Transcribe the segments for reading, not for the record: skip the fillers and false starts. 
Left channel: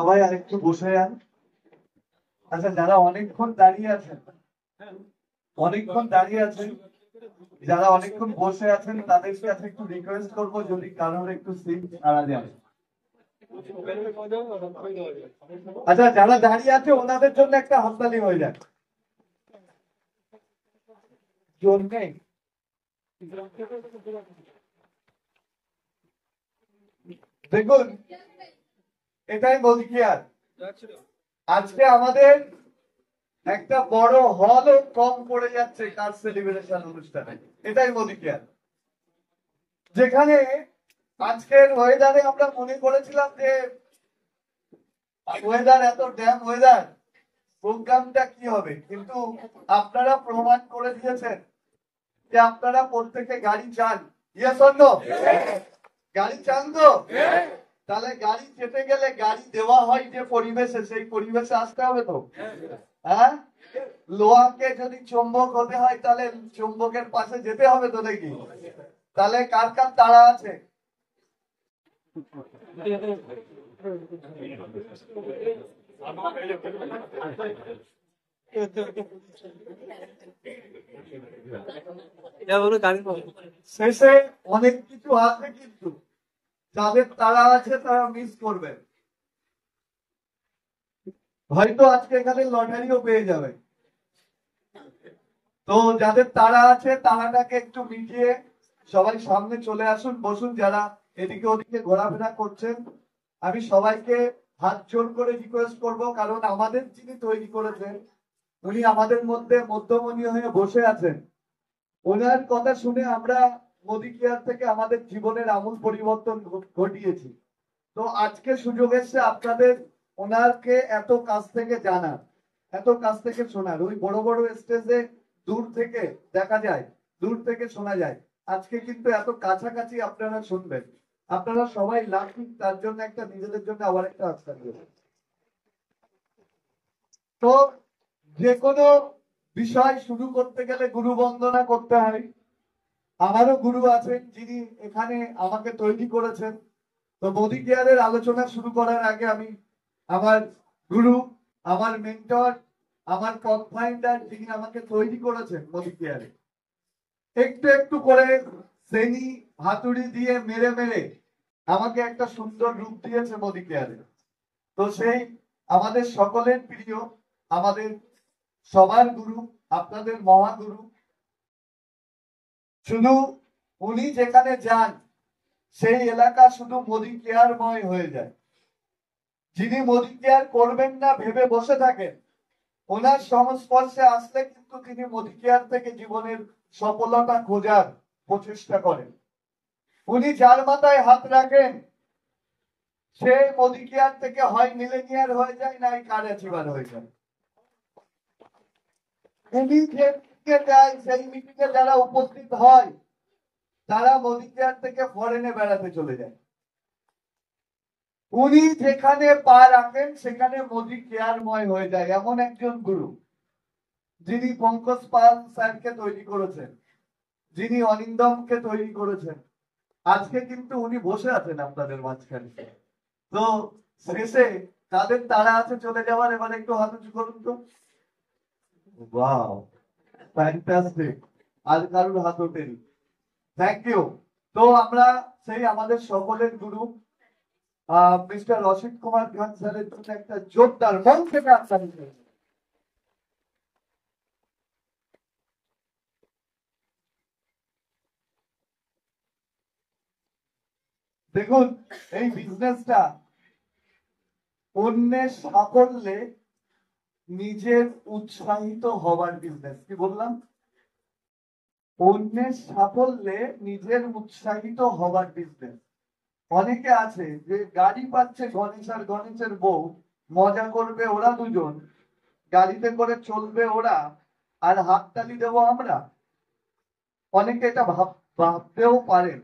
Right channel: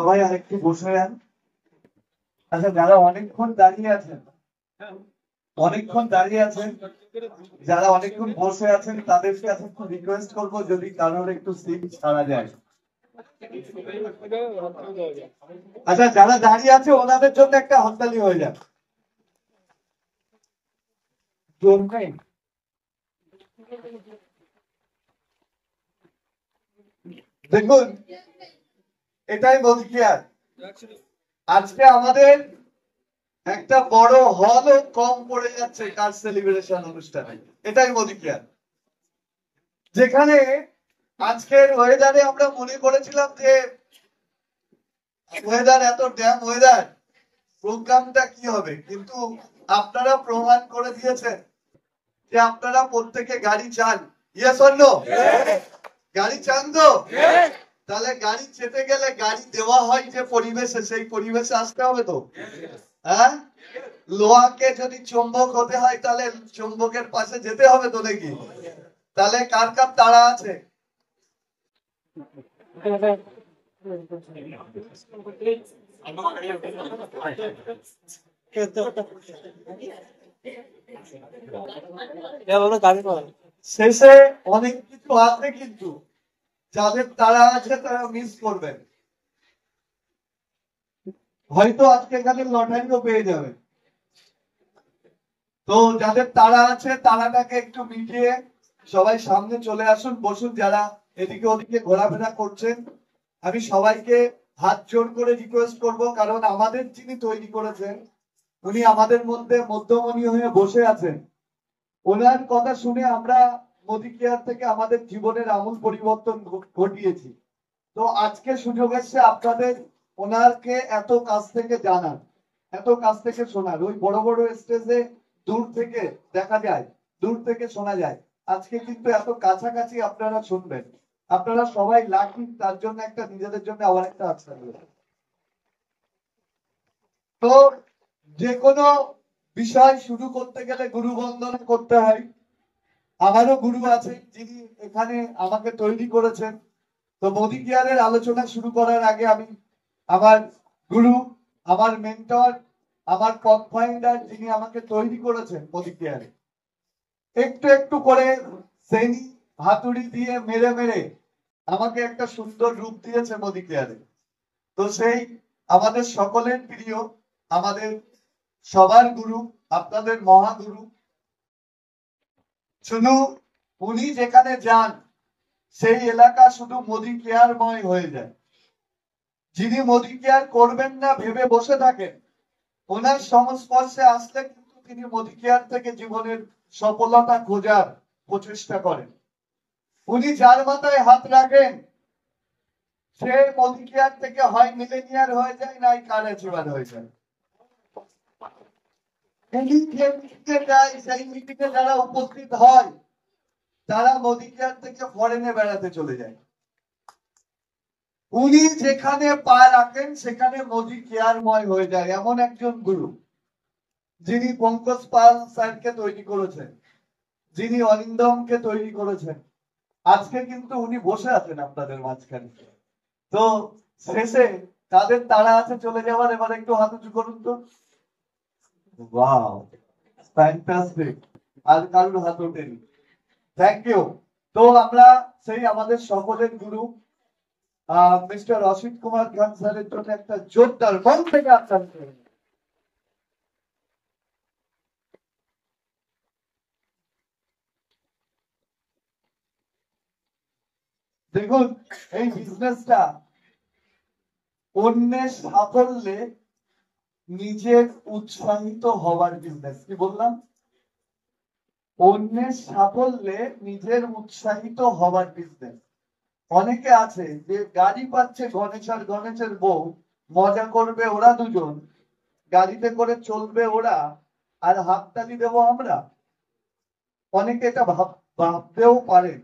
সবাই আরেকটু বসে যান। আচ্ছা, যারা অনেকক্ষণ দাঁড়িয়ে আছেন যারা অনেকক্ষণ বসে আছেন তাদের কাছে একটু রিকোয়েস্ট করবো, যদি কারোর একটু সিট ছাড়া যায়। আচ্ছা, যারা দাঁড়িয়ে আছে ওনাদের জন্য একটা হাততালি হয়ে যায়। দেখুন, এটাই বলছিয়ার। আজকে আমাদের একটা বড় হলও কম পড়ে যাচ্ছে কার সেলিব্রেশন অনুষ্ঠানে। এটাই মোদিকেয়ার, যেখানে আজকের ওয়েদারে আমরা মনে করেছিলাম যে ওয়েদার এত ড্যাম ওয়েদার, প্রোগ্রামটা কি হবে, কিন্তু আপনারা প্রমাণ করে দিয়েছেন যে আপনারা প্রত্যেকে গাড়ি চান। Yes or no? গাড়ি চান তো? তাহলে গাড়ি চেতে গেলে গাড়ি দেওয়া হয় যে পরিবেশে, সেই পরিবেশে আসতে হবে তো। হ্যাঁ, লোহাকে যদি চুম্বক হতে হয় তাহলে চুম্বকের পাশে যেতে হবে তো নাকি? তাহলে কার কার তাড়া আছে? শেষে অনেক কিছু আছে, কিন্তু যাদের তাড়া আছে তারা মিস করবেন। হয়তো আজকে এখানে লটারিও পেয়ে যাবেন। তো যাদের তাড়া আছে তাড়াটাকে একটু মিটিয়ে সবাই সামনে চলে আসুন, বসুন। যারা এদিকে ওদিকে ঘোরাফেরা করছেন, আমি সবাইকে হাত জোর করে রিকোয়েস্ট করব, কারণ আমাদের যিনি তৈরি করেছেন উনি আমাদের মধ্যে মধ্যমণি হয়ে বসে আছেন। ওনার কথা শুনে আমরা মোদি কেয়ার থেকে আমাদের জীবনের আমূল পরিবর্তন ঘটিয়েছি। তো আজকে সুযোগ এসছে আপনাদের ওনারকে এত কাছ থেকে জানার, এত কাছ থেকে শোনার। ওই বড় বড় স্টেজে দূর থেকে দেখা যায়, দূর থেকে শোনা যায়। আজকে কিন্তু এত কাছাকাছি আপনারা শুনবেন। আপনারা সবাই লাকি, তার জন্য একটা নিজেদের জন্য আবার একটা আস্থা দিয়েছেন। তো যে কোনো বিষয় শুরু করতে গেলে গুরু বন্দনা করতে হয়। আমারও গুরু আছেন যিনি এখানে আমাকে তৈরি করেছেন। তো মোদি কেয়ারের আলোচনা শুরু করার আগে আমি আমার গুরু, আমার মেন্টর, আমার পথ ফাইন্ডার, যিনি আমাকে তৈরি করেছেন মোদি কেয়ারে, একটু একটু করে শ্রেণী হাতুড়ি দিয়ে মেরে মেরে আমাকে একটা সুন্দর রূপ দিয়েছে মোদি কেয়ারে। তো সেই আমাদের সকলের প্রিয়, আমাদের সবার গুরু, আপনাদের মহাগুরু, শুধু উনি যেখানে যান সেই এলাকা শুধু মোদি কেয়ারময় হয়ে যায়। যিনি মোদি কেয়ার করবেন না ভেবে বসে থাকেন, ওনার সংস্পর্শে আসলে কিন্তু তিনি মোদি কেয়ার থেকে জীবনের সফলতা খোঁজার প্রচেষ্টা করেন। উনি যার মাথায় হাত রাখেন সে মোদি কেয়ার থেকে হয় মিলেনিয়ার হয়ে যায়, নাই কার অ্যাচিভার হয়ে যায়। উনি যে মিটিংয়ে যায়, সেই মিটিংয়ে যারা উপস্থিত হয় তারা মোদি কেয়ার থেকে ফরেনে বেড়াতে চলে যায়। উনি যেখানে পা রাখেন সেখানে মোদি কেয়ারময় হয়ে যায়। এমন একজন গুরু, যিনি পঙ্কজ পাল স্যারকে তৈরি করেছেন, যিনি অরিন্দমকে তৈরি করেছেন, আজকে কিন্তু উনি বসে আছেন আপনাদের মাঝখানে। তো শেষে তাদের তাড়া আছে চলে যাওয়ার, এবার একটু হাত উঁচু করুন তো। Wow, fantastic. আর কারুর হাত ওঠেনি। Thank you. তো আমরা সেই আমাদের সকলের গুরু মিস্টার অসিত কুমার খান স্যারের জন্য একটা জোরদার মন থেকে আপনার। দেখুন, এই বিজনেসটা অন্যের সাফল্যে নিজের উৎসাহিত হওয়ার বিজনেস। কি বললাম? অন্যের সাফল্যে নিজের উৎসাহিত হওয়ার বিজনেস। অনেকে আছে যে গাড়ি পাচ্ছে গণেশ আর গণেশের বউ, মজা করবে ওরা দুজন, গাড়িতে করে চলবে ওরা, আর হাততালি দেবো আমরা। অনেকে এটা ভাবতেও পারেন।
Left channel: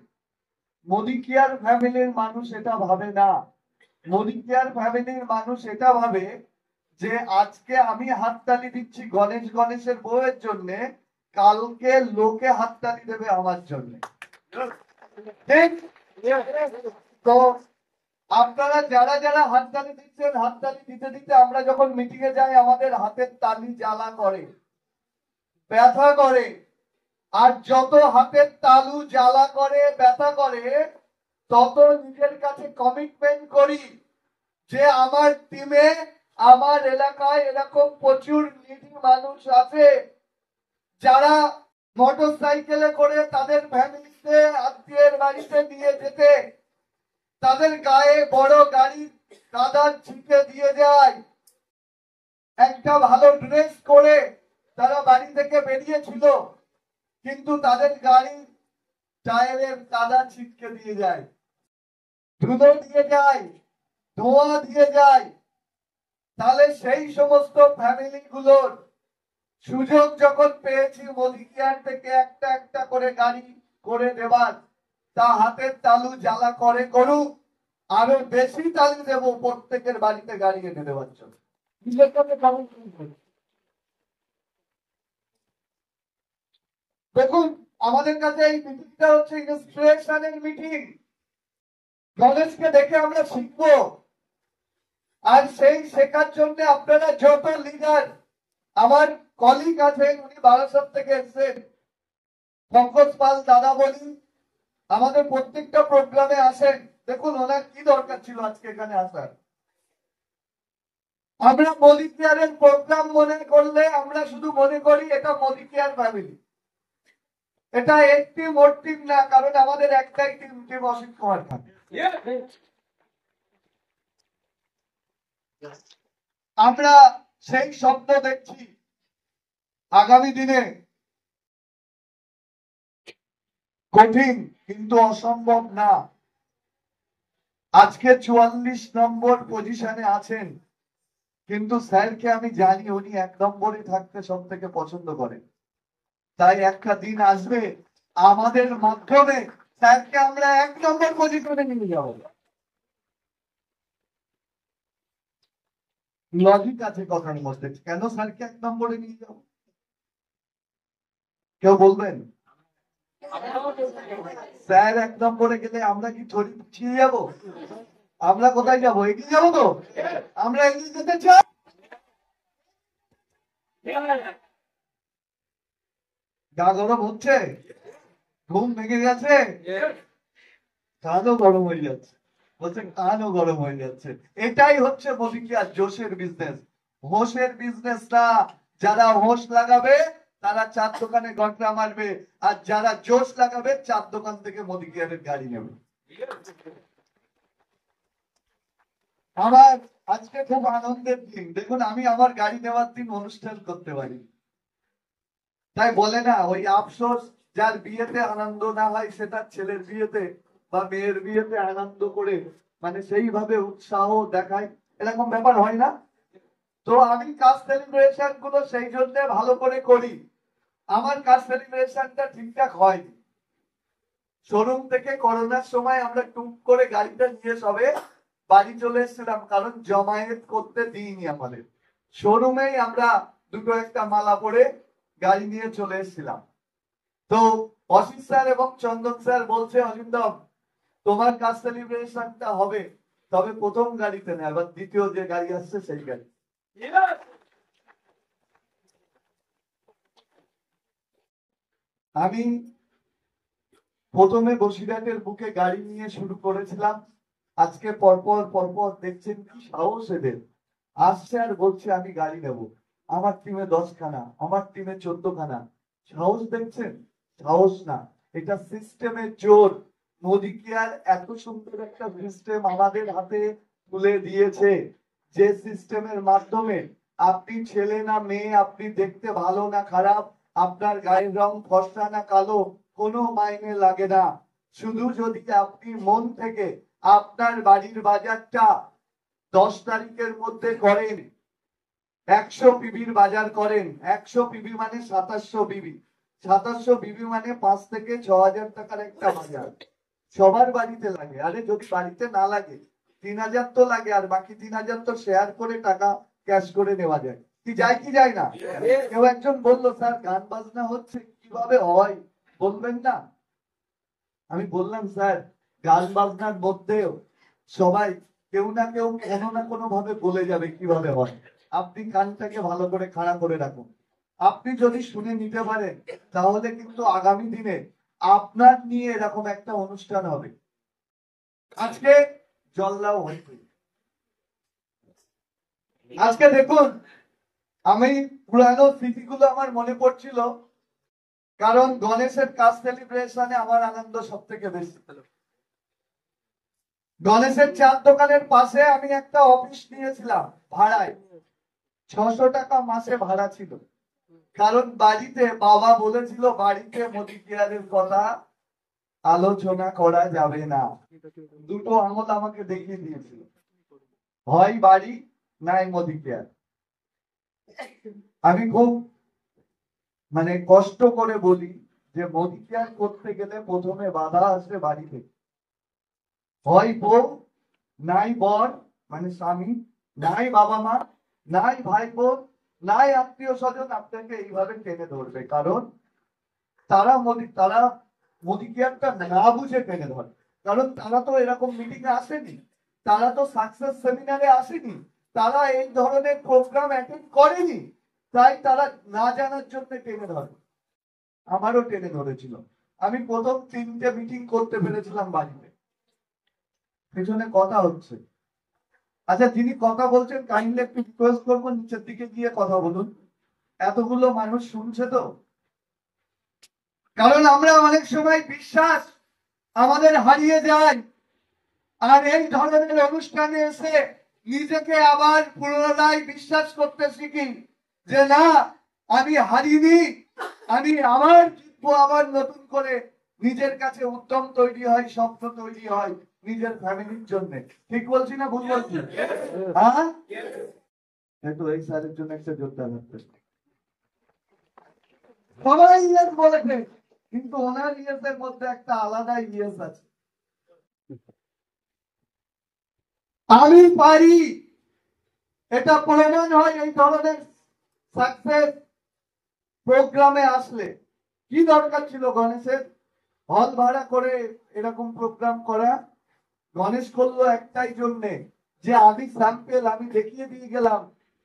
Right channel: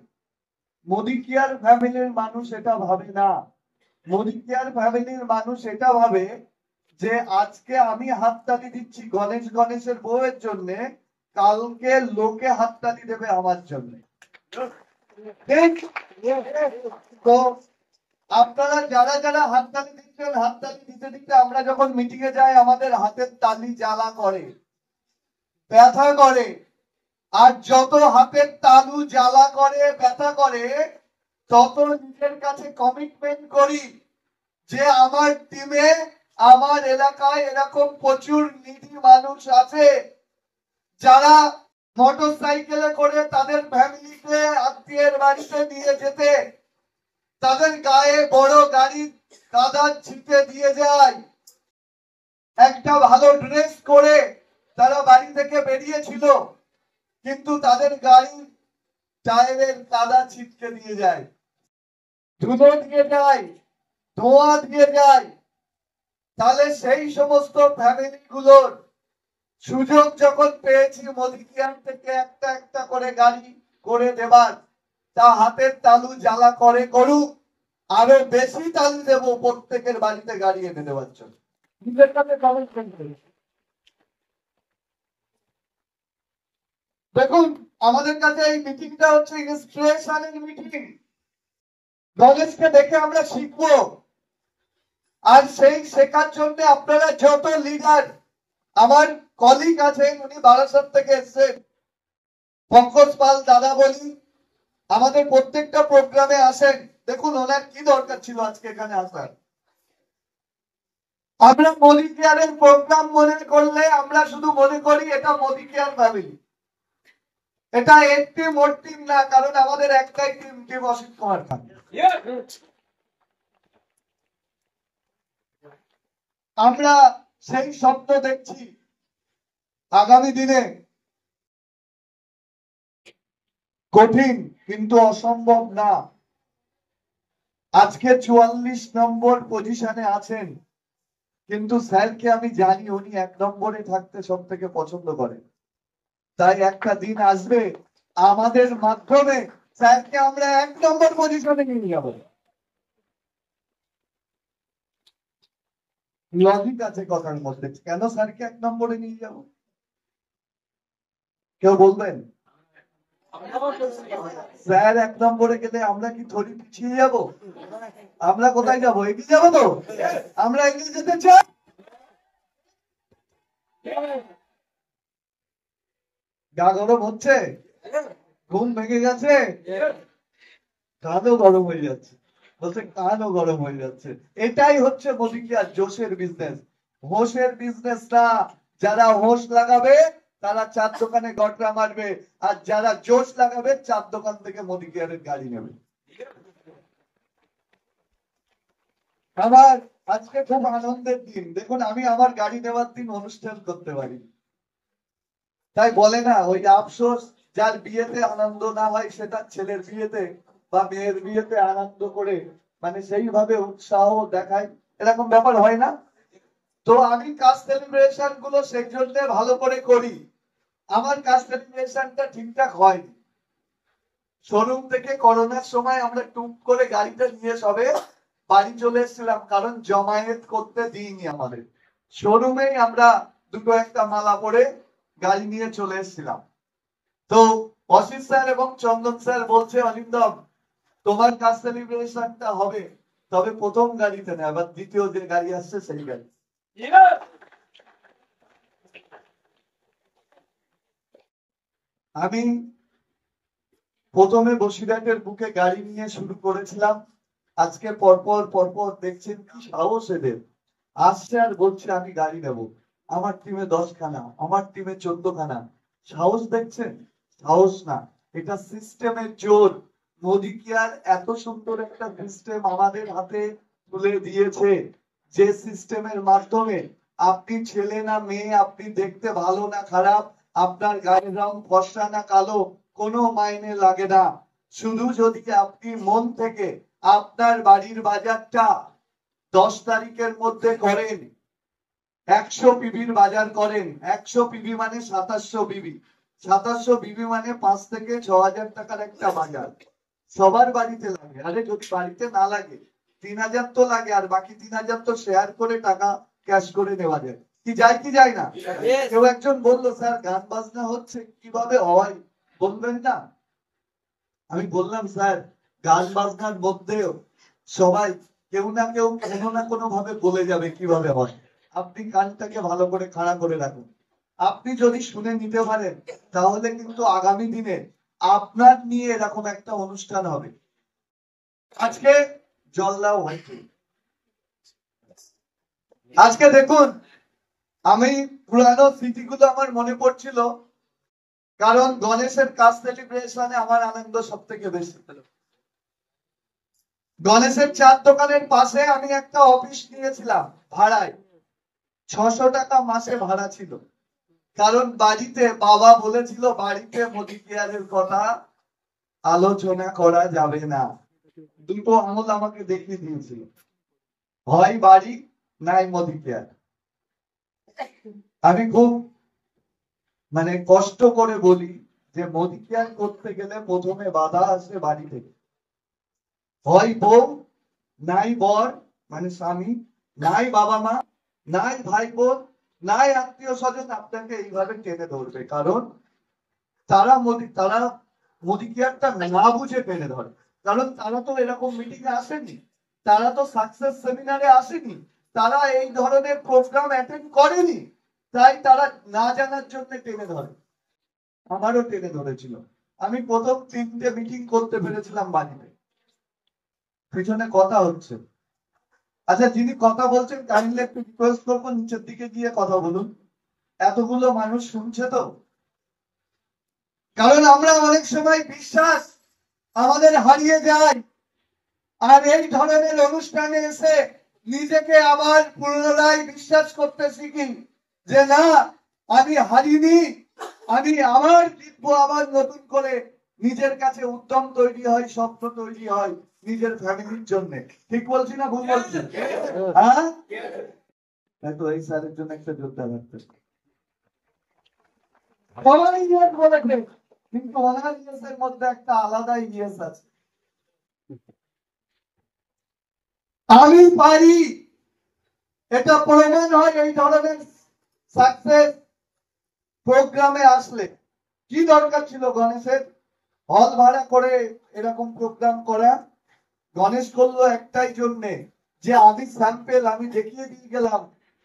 মোদি কেয়ার ফ্যামিলির মানুষ এটা ভাবে না। মোদি কেয়ার ফ্যামিলির মানুষ এটা ভাবে যে আজকে আমি হাততালি দিচ্ছি গণেশের বউয়ের জন্য, কালকে লোকে হাততালি দেবে আমার জন্য। ঠিক? তো আপনারা যারা যারা হাততালি দিচ্ছেন, হাততালি দিতে দিতে আমরা যখন মিটিং এ যাই আমাদের হাতের তালি জ্বালা করে, ব্যথা করে। আর যত হাতের তালু জ্বালা করে, ব্যথা করে, তত নিজের কাছে কমিটমেন্ট করি যে আমার টিমে, আমার এলাকায় এরকম প্রচুর নিডি মানুষ আছে যারা মোটর সাইকেলে করে তাদের ফ্যামিলিকে আত্মীয়ের বাড়িতে নিয়ে যেতে তাদের গায়ে বড় গাড়ি কাদার ছিটে দিয়ে যায়। একটা ভালো ড্রেস করে তারা বাড়ি থেকে বেরিয়েছিল, কিন্তু তাদের গাড়ি টায়ারের কাদা ছিটকে দিয়ে যায়, ধুলো দিয়ে যায়, ধোঁয়া দিয়ে যায়। তাহলে সেই সমস্ত ফ্যামিলি গুলোর সুযোগ যখন পেয়েছি মোদি কেয়ার থেকে একটা একটা করে গাড়ি করে দেবার, তা হাতের তালু জ্বালা করে করুক, আরো বেশি তালু দেব প্রত্যেকের বাড়িতে গাড়ি এনে দেওয়ার জন্য। নিজের কাছে কমিটমেন্ট করি। দেখুন, আমাদের কাছে এই মিটিংটা হচ্ছে ইন্সপিরেশনের মিটিং। নলেজকে দেখে আমরা শিখবো, আর সেই শেখার জন্য আপনারা যত লিডার, আমার কলিগ আছেন, উনি বারাসাত থেকে এসেছেন, পঙ্কজ পাল দাদা বলি, আমাদের প্রত্যেকটা প্রোগ্রামে আসেন। দেখুন ওনার কি দরকার ছিল আজকে এখানে আসার। আমরা মোদি কেয়ারের প্রোগ্রাম মনে করলে আমরা শুধু মনে করি এটা মোদি কেয়ার ফ্যামিলি, এটা একটি মোট টিম না, কারণ আমাদের একটাই টিম, টিম অসিত কুমার খান। আমরা সেই স্বপ্ন দেখছি আগামী দিনে কঠিন কিন্তু অসম্ভব না। আজকে 44 নম্বর পজিশনে আছেন, কিন্তু স্যারকে আমি জানি উনি 1 নম্বরে থাকতে সব থেকে পছন্দ করেন। তাই একটা দিন আসবে আমাদের মাধ্যমে স্যারকে আমরা 1 নম্বর পজিশনে নিয়ে যাব। লজিক আছে কথার মধ্যে, কেন স্যারকে 1 নম্বরে নিয়ে যাব? কেউ বলবেন? স্যার 1 নম্বরে গেলে আমরা কি থরি পিছিয়ে যাব? আমরা কোথায় যাব? এগিয়ে যাবো তো? আমরা এগিয়ে যেতে চাই। গা গরম হচ্ছে, ঘুম ভেঙে গেছে, কানও গরম হয়ে যাচ্ছে, বলছে কানও গরম হয়ে যাচ্ছে। এটাই হচ্ছে মোদি কেয়ার জোশের বিজনেস, হোশের বিজনেস না। যারা হোশ লাগাবে তারা 4 দোকানে গটরা মারবে, আর যারা জোশ লাগাবে 4 দোকান থেকে মোদি কেয়ারের গাড়ি নেবে। আমার আজকে খুব আনন্দের দিন। দেখুন, আমি আমার গাড়ি নেওয়ার দিন অনুষ্ঠান করতে পারি, তাই বলে না ওই আফসোস, যার বিয়েতে আনন্দ না হয় সে তার ছেলের বিয়েতে বা মেয়ের বিয়েতে আনন্দ করে মানে সেইভাবে উৎসাহ দেখায়, এরকম ব্যাপার হয় না? তো আমি কাজ সেলিব্রেশন গুলো সেই জন্য ভালো করে করি। আমার কাজ সেলিব্রেশনটা ঠিকঠাক হয়নি। শোরুম থেকে করোনার সময় আমরা টুক করে গাড়িটা নিয়ে সবে বাড়ি চলে এসেছিলাম, কারণ জমায়েত করতে দিইনি আমাদের। শোরুমেই আমরা দুটো একটা মালা পরে গাড়ি নিয়ে চলে এসেছিলাম। তো অসিত স্যার এবং চন্দন স্যার বলছে, অরিন্দম তোমার কাজ সেলিব্রেশনটা হবে, তবে প্রথম গাড়িতে না, আবার দ্বিতীয় যে গাড়ি আসছে সেই গাড়ি। আমি প্রথমে বসিরহাটের বুকে গাড়ি নিয়ে শুরু করেছিলাম। আজকে পরপর পরপর দেখছেন কি সাহস এদের, আসছে আর বলছে আমি গাড়ি নেব। আমার টিমে 10 খানা, আমার টিমে 14 খানা। সাহস দেখছেন? সাহস না, এটা সিস্টেমের জোর। মোদি কেয়ার এত সুন্দর একটা সিস্টেম আমাদের হাতে তুলে দিয়েছে, যে সিস্টেমের মাধ্যমে আপনি ছেলে না মেয়ে, আপনি দেখতে ভালো না খারাপ, আপনার গায়ের রং ফর্সা না কালো, কোনো মাইনে লাগে না। শুধু যদি আপনি মন থেকে আপনার বাড়ির বাজারটা 10 তারিখের মধ্যে করেন, 100 পিবির বাজার করেন, 100 পিবি মানে 2700 পিবি, 2700 পিবি মানে 5 থেকে 6000 টাকার একটা বাজার। সবার বাড়িতে লাগে, আরে যদি বাড়িতে না লাগে 3000 তো লাগে, আর বাকি 3000 তো শেয়ার করে টাকা ক্যাশ করে নেওয়া যায়। কি যায় কি যায় না? কেউ একজন বললো স্যার গান বাজনা হচ্ছে, কিভাবে হয় বলবেন না? আমি বললাম স্যার গান বাজনার মধ্যেও সবাই কেউ না কেউ কোনো না কোনো ভাবে বলে যাবে কিভাবে হয়। আপনি কানটাকে ভালো করে খাড়া করে রাখুন। আপনি যদি শুনে নিতে পারেন তাহলে কিন্তু আগামী দিনে আপনার নিয়ে এরকম একটা অনুষ্ঠান হবে। আজকে জল্লাও হয়েছে। আজকে দেখুন, আমি পুরানো স্মৃতিগুলো আমার মনে পড়ছিল, কারণ গণেশের কাজ সেলিব্রেশনে আমার আনন্দ সব থেকে বেশি। গণেশের চার দোকানের পাশে আমি একটা অফিস নিয়েছিলাম ভাড়ায়। 600 টাকা মাসে ভাড়া ছিল, কারণ বাড়িতে বাবা বলেছিল বাড়িতে মোদি কেয়ারের কথা আলোচনা করা যাবে না। দুটো আঙুল আমাকে দেখিয়ে দিয়েছিল, হয় বাড়ি নাই মোদি কেয়ার। আমি খুব কষ্ট করে বলি যে মোদি কেয়ার করতে গেলে প্রথমে বাধা আসে বাড়ি থেকে, হয় বউ নাই বর স্বামী, নাই বাবা মা, নাই ভাই বোন, নাই আত্মীয় স্বজন আপনাকে এইভাবে টেনে ধরবে, কারণ তারা মোদি কেয়ারটা না বুঝে টেনে ধরে। কারণ তারা তো এরকম মিটিং এ আসেনি, তারা তো সাকসেস সেমিনারে আসেনি, তারা এই ধরনের প্রোগ্রাম অ্যাটেন্ড করেনি, তাই তারা না জানার জন্য টেনে ধরে। আমারও টেনে ধরেছিল। আমি প্রথম 3টে মিটিং করতে পেরেছিলাম বাড়িতে। পিছনে কথা হচ্ছে। আচ্ছা, যিনি কথা বলছেন কাইন্ডলি একটু রিকোয়েস্ট করবো নিচের দিকে গিয়ে কথা বলুন, এতগুলো মানুষ শুনছে তো। কারণ আমরা অনেক সময় বিশ্বাস আমাদের হারিয়ে যায়, আর এই ধরনের অনুষ্ঠানে এসে নিজেকে আবার পুনরায় বিশ্বাস করতে শিখি যে না, আমি হারিনি, আমি আবার জিতবো, আবার নতুন করে নিজের কাছে উদ্যম তৈরি হয়, স্বপ্ন তৈরি হয় নিজের ফ্যামিলির জন্য। ঠিক বলছি না ভুল বলছি? হ্যাঁ, তো এই স্যারের জন্য একটা জোরদার রাখতে সবাই ইয়েস বলেছে, কিন্তু ওনার ইয়েসের মধ্যে একটা আলাদা ইয়েস আছে। আমি পারি, এটা প্রমাণ হয় এই ধরনের সাকসেস প্রোগ্রামে আসলে। কি দরকার ছিল গণেশের হল ভাড়া করে এরকম প্রোগ্রাম করা? গণেশ করলো একটাই জন্যে যে আমি স্যাম্পেল আমি দেখিয়ে দিয়ে গেলাম,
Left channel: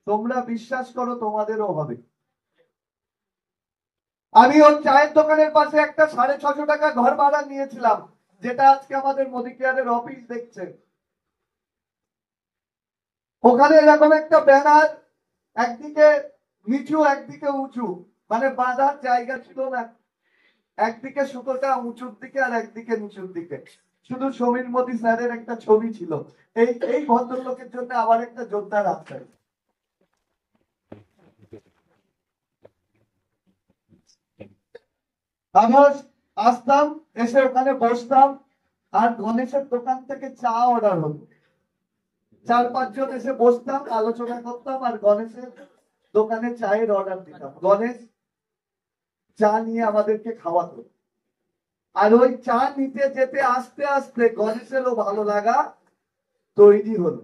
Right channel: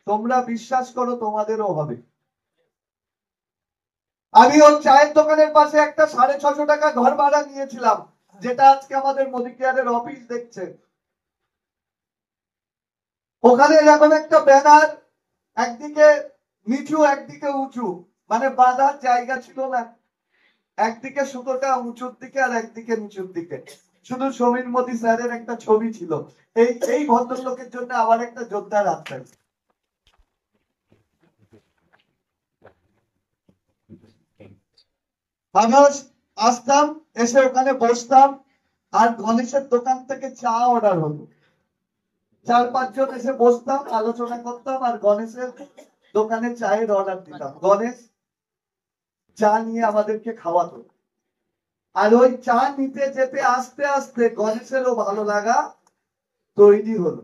তোমরা বিশ্বাস করো তোমাদেরও হবে। আমি ওর চায়ের দোকানের পাশে একটা 650 টাকা ঘর ভাড়া নিয়েছিলাম, যেটা আজকে আমাদের মোদি কেয়ারের অফিস দেখছে। ওখানে এরকম একটা ব্যানার, একদিকে নিচু একদিকে উঁচু, বাঁধার জায়গা ছিল না। একদিকে সুতোটা উঁচুর দিকে আর একদিকে নিচুর দিকে, শুধু সমীর মোদী স্যারের একটা ছবি ছিল। এই ভদ্রলোকের জন্য আবার একটা যোদ্ধা রাখতে। আমরা আসতাম, এসে ওখানে বসতাম, আর গণেশের দোকান থেকে চা অর্ডার হতো। 4-5 জন এসে বসতাম, আলোচনা করতাম, আর গণেশের দোকানে চায়ের অর্ডার দিতাম। গণেশ চা নিয়ে আমাদেরকে খাওয়াতো। আর ওই চা নিতে যেতে আস্তে আস্তে গণেশেরও ভালো লাগা তৈরি হলো।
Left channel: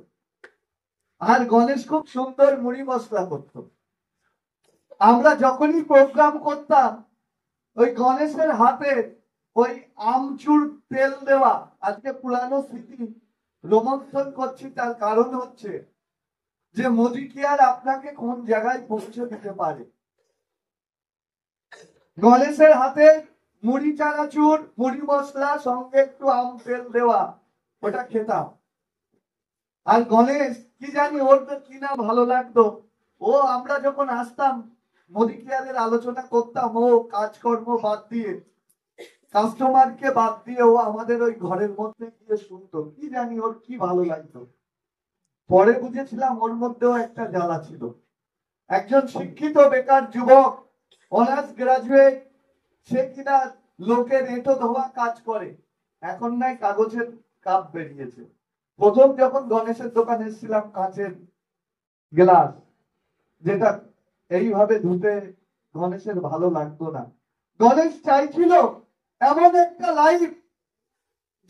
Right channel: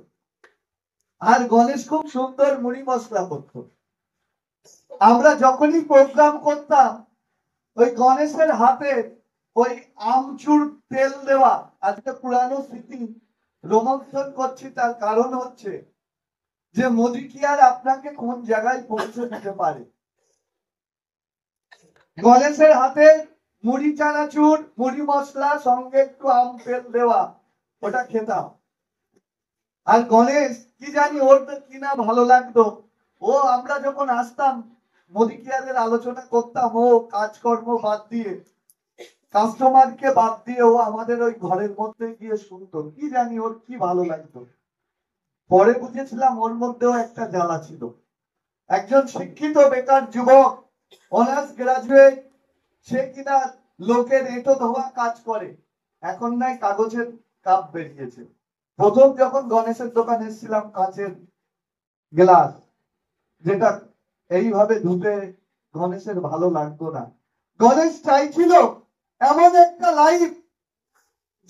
আর গণেশ খুব সুন্দর মুড়ি মশলা করতো। আমরা যখনই প্রোগ্রাম করতাম, ওই গণেশের হাতে ওই আমচুর তেল দেওয়া, আজকে পুরানো স্মৃতি রোমন্থন করছি, তার কারণ হচ্ছে যে মোদি কেয়ার আপনাকে কোন জায়গায় পৌঁছে দিতে পারে। গণেশের হাতে মুড়ি চানাচুর, মুড়ি মশলা, সঙ্গে একটু আম তেল দেওয়া, ওটা খেতাম। আর গণেশ কি জানি ওর তো কিনা ভালো লাগতো, ও আমরা যখন আসতাম মোদি কেয়ারের আলোচনা করতাম, ও কাজকর্ম বাদ দিয়ে, কাস্টমারকে বাদ দিয়ে ও আমাদের ওই ঘরের মধ্যে গিয়ে শুনতো। কি জানি ওর কি ভালো লাগতো। পরে বুঝেছিলাম ওর মধ্যেও একটা জ্বালা ছিল। একজন শিক্ষিত বেকার যুবক, অনার্স গ্রাজুয়েট, সে কিনা লোকের এঁটো ধোয়া কাজ করে, এখন নাই কাগজের কাপ বেরিয়েছে। প্রথম যখন গণেশের দোকানে এসেছিলাম, কাঁচের গ্লাস, যেটা এইভাবে ধুতে গণেশের ভালো লাগতো না। গণেশ চাইছিল এমন একটা লাইফ,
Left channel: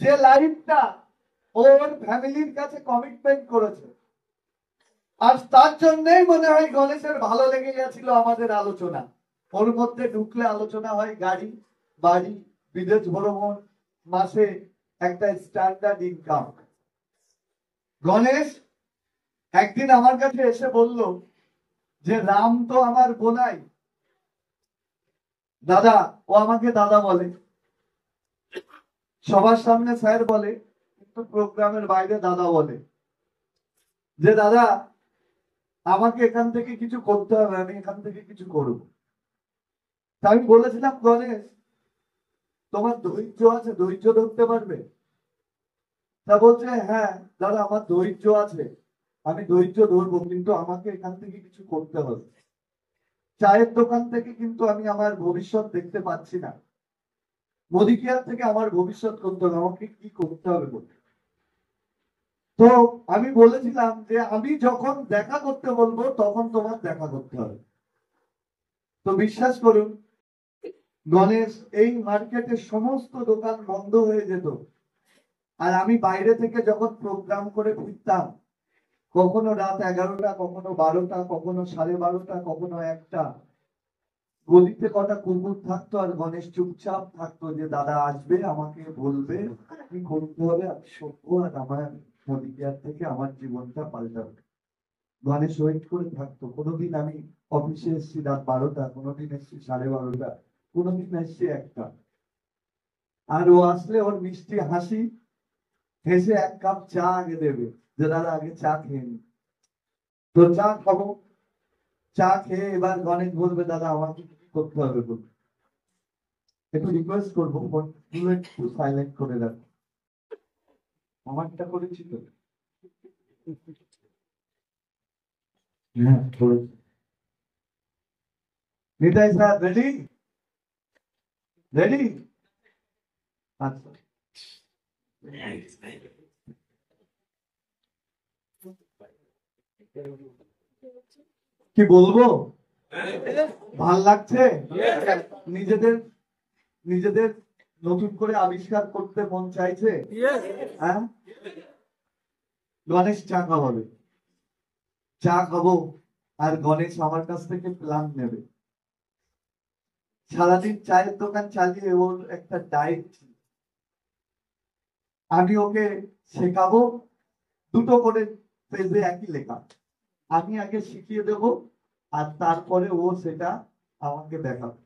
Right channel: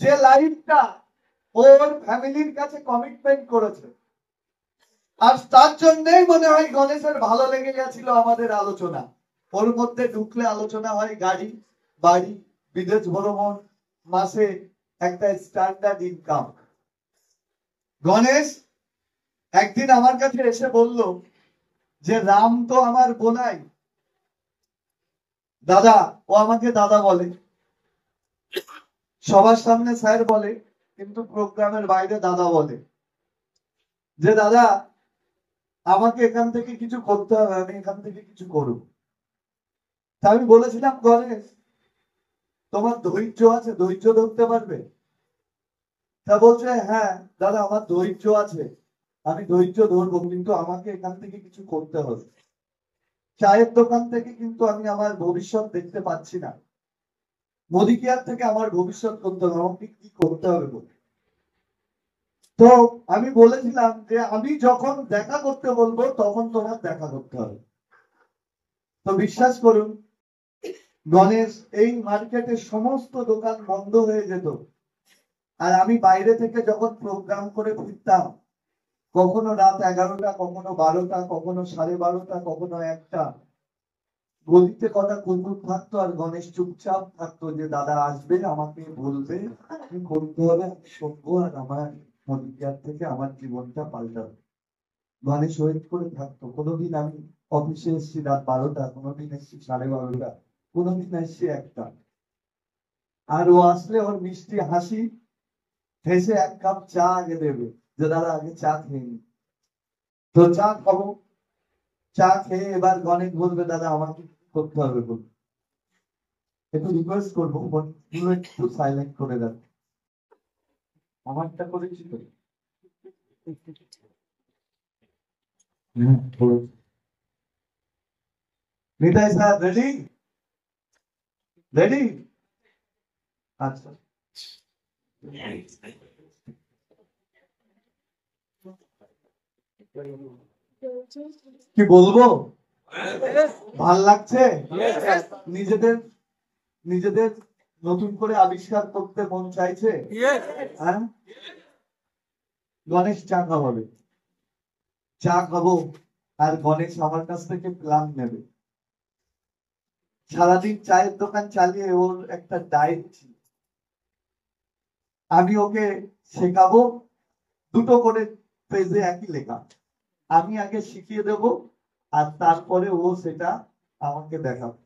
যে লাইফটা ওর ফ্যামিলির কাছে কমিটমেন্ট করেছে। আর তার জন্যই মনে হয় গণেশের ভালো লেগে গেছিল আমাদের আলোচনা। ওর মধ্যে ঢুকলে আলোচনা হয় গাড়ি, বাড়ি, বিদেশ ভ্রমণ, মাসে একটা স্ট্যান্ডার্ড ইনকাম। গণেশ একদিন আমার কাছে এসে বলল যে রাম তো আমার বোনাই, দাদা, ও আমাকে দাদা বলে, সবার সামনে স্যার বলে, কিন্তু প্রোগ্রামের বাইরে দাদা বলে, যে দাদা আমাকে এখান থেকে কিছু করতে হবে, আমি এখান থেকে কিছু করবো। তা আমি বলেছিলাম, গণেশ তোমার ধৈর্য আছে, ধৈর্য ধরতে পারবে? তা বলছে, হ্যাঁ দাদা আমার ধৈর্য আছে, আমি ধৈর্য ধরবো, কিন্তু আমাকে এখান থেকে কিছু করতে হবে। চায়ের দোকান থেকে কিন্তু আমি আমার ভবিষ্যৎ দেখতে পাচ্ছি না, মোদি কেয়ার থেকে আমার ভবিষ্যৎ করতে হবে, আমাকে কি করতে হবে বলে। তো আমি বলেছিলাম যে আমি যখন দেখা করতে বলবো তখন তোমার দেখা করতে হবে। তো বিশ্বাস করুন গণেশ, এই মার্কেটের সমস্ত দোকান বন্ধ হয়ে যেত, আর আমি বাইরে থেকে যখন প্রোগ্রাম করে ফিরতাম, কখনো রাত 11টা, কখনো 12টা, কখনো 12:30, কখনো 1টা, গলিতে কটা কুকুর থাকতো আর গণেশ চুপচাপ থাকতো, যে দাদা আসবে আমাকে বলবে কি করতে হবে, আমি শুনবো, আর আমার নদীয়ার থেকে আমার জীবনটা পাল্টাবে। গণেশ ওয়েট করে থাকতো। কোনোদিন আমি অফিসে এসেছি রাত 12টা, কোনোদিন এসেছি 12:30, কোনোদিন এসেছি 1টা, আর ও আসলে ওর মিষ্টি হাসি হেসে 1 কাপ চা আগে দেবে, যে দাদা আগে চা খেয়ে নি। তো চা খাবো, চা খেয়ে এবার গণেশ বলবে দাদা আমাকে কি করতে হবে বলবে। একটু রিকোয়েস্ট করবো ফোনগুলো একটু সাইলেন্ট করে দেন, আমারটা করেছি তো। হ্যাঁ করেছি। Nitai sir ready? রেডি? আচ্ছা, কি বলবো, ভাল লাগছে নিজেদের, নিজেদের নতুন করে আবিষ্কার করতে মন চাইছে। হ্যাঁ, গণেশ চা খাওয়াবে, চা খাবো, আর গণেশ আমার কাছ থেকে প্ল্যান নেবে। সারাদিন চায়ের দোকান চালিয়ে ওর একটা ডায়েট ছিল, আমি ওকে শেখাবো, 2টো করে পেজে একই লেখা, আমি আগে শিখিয়ে দেব, আর তারপরে ও সেটা আমাকে দেখাবে।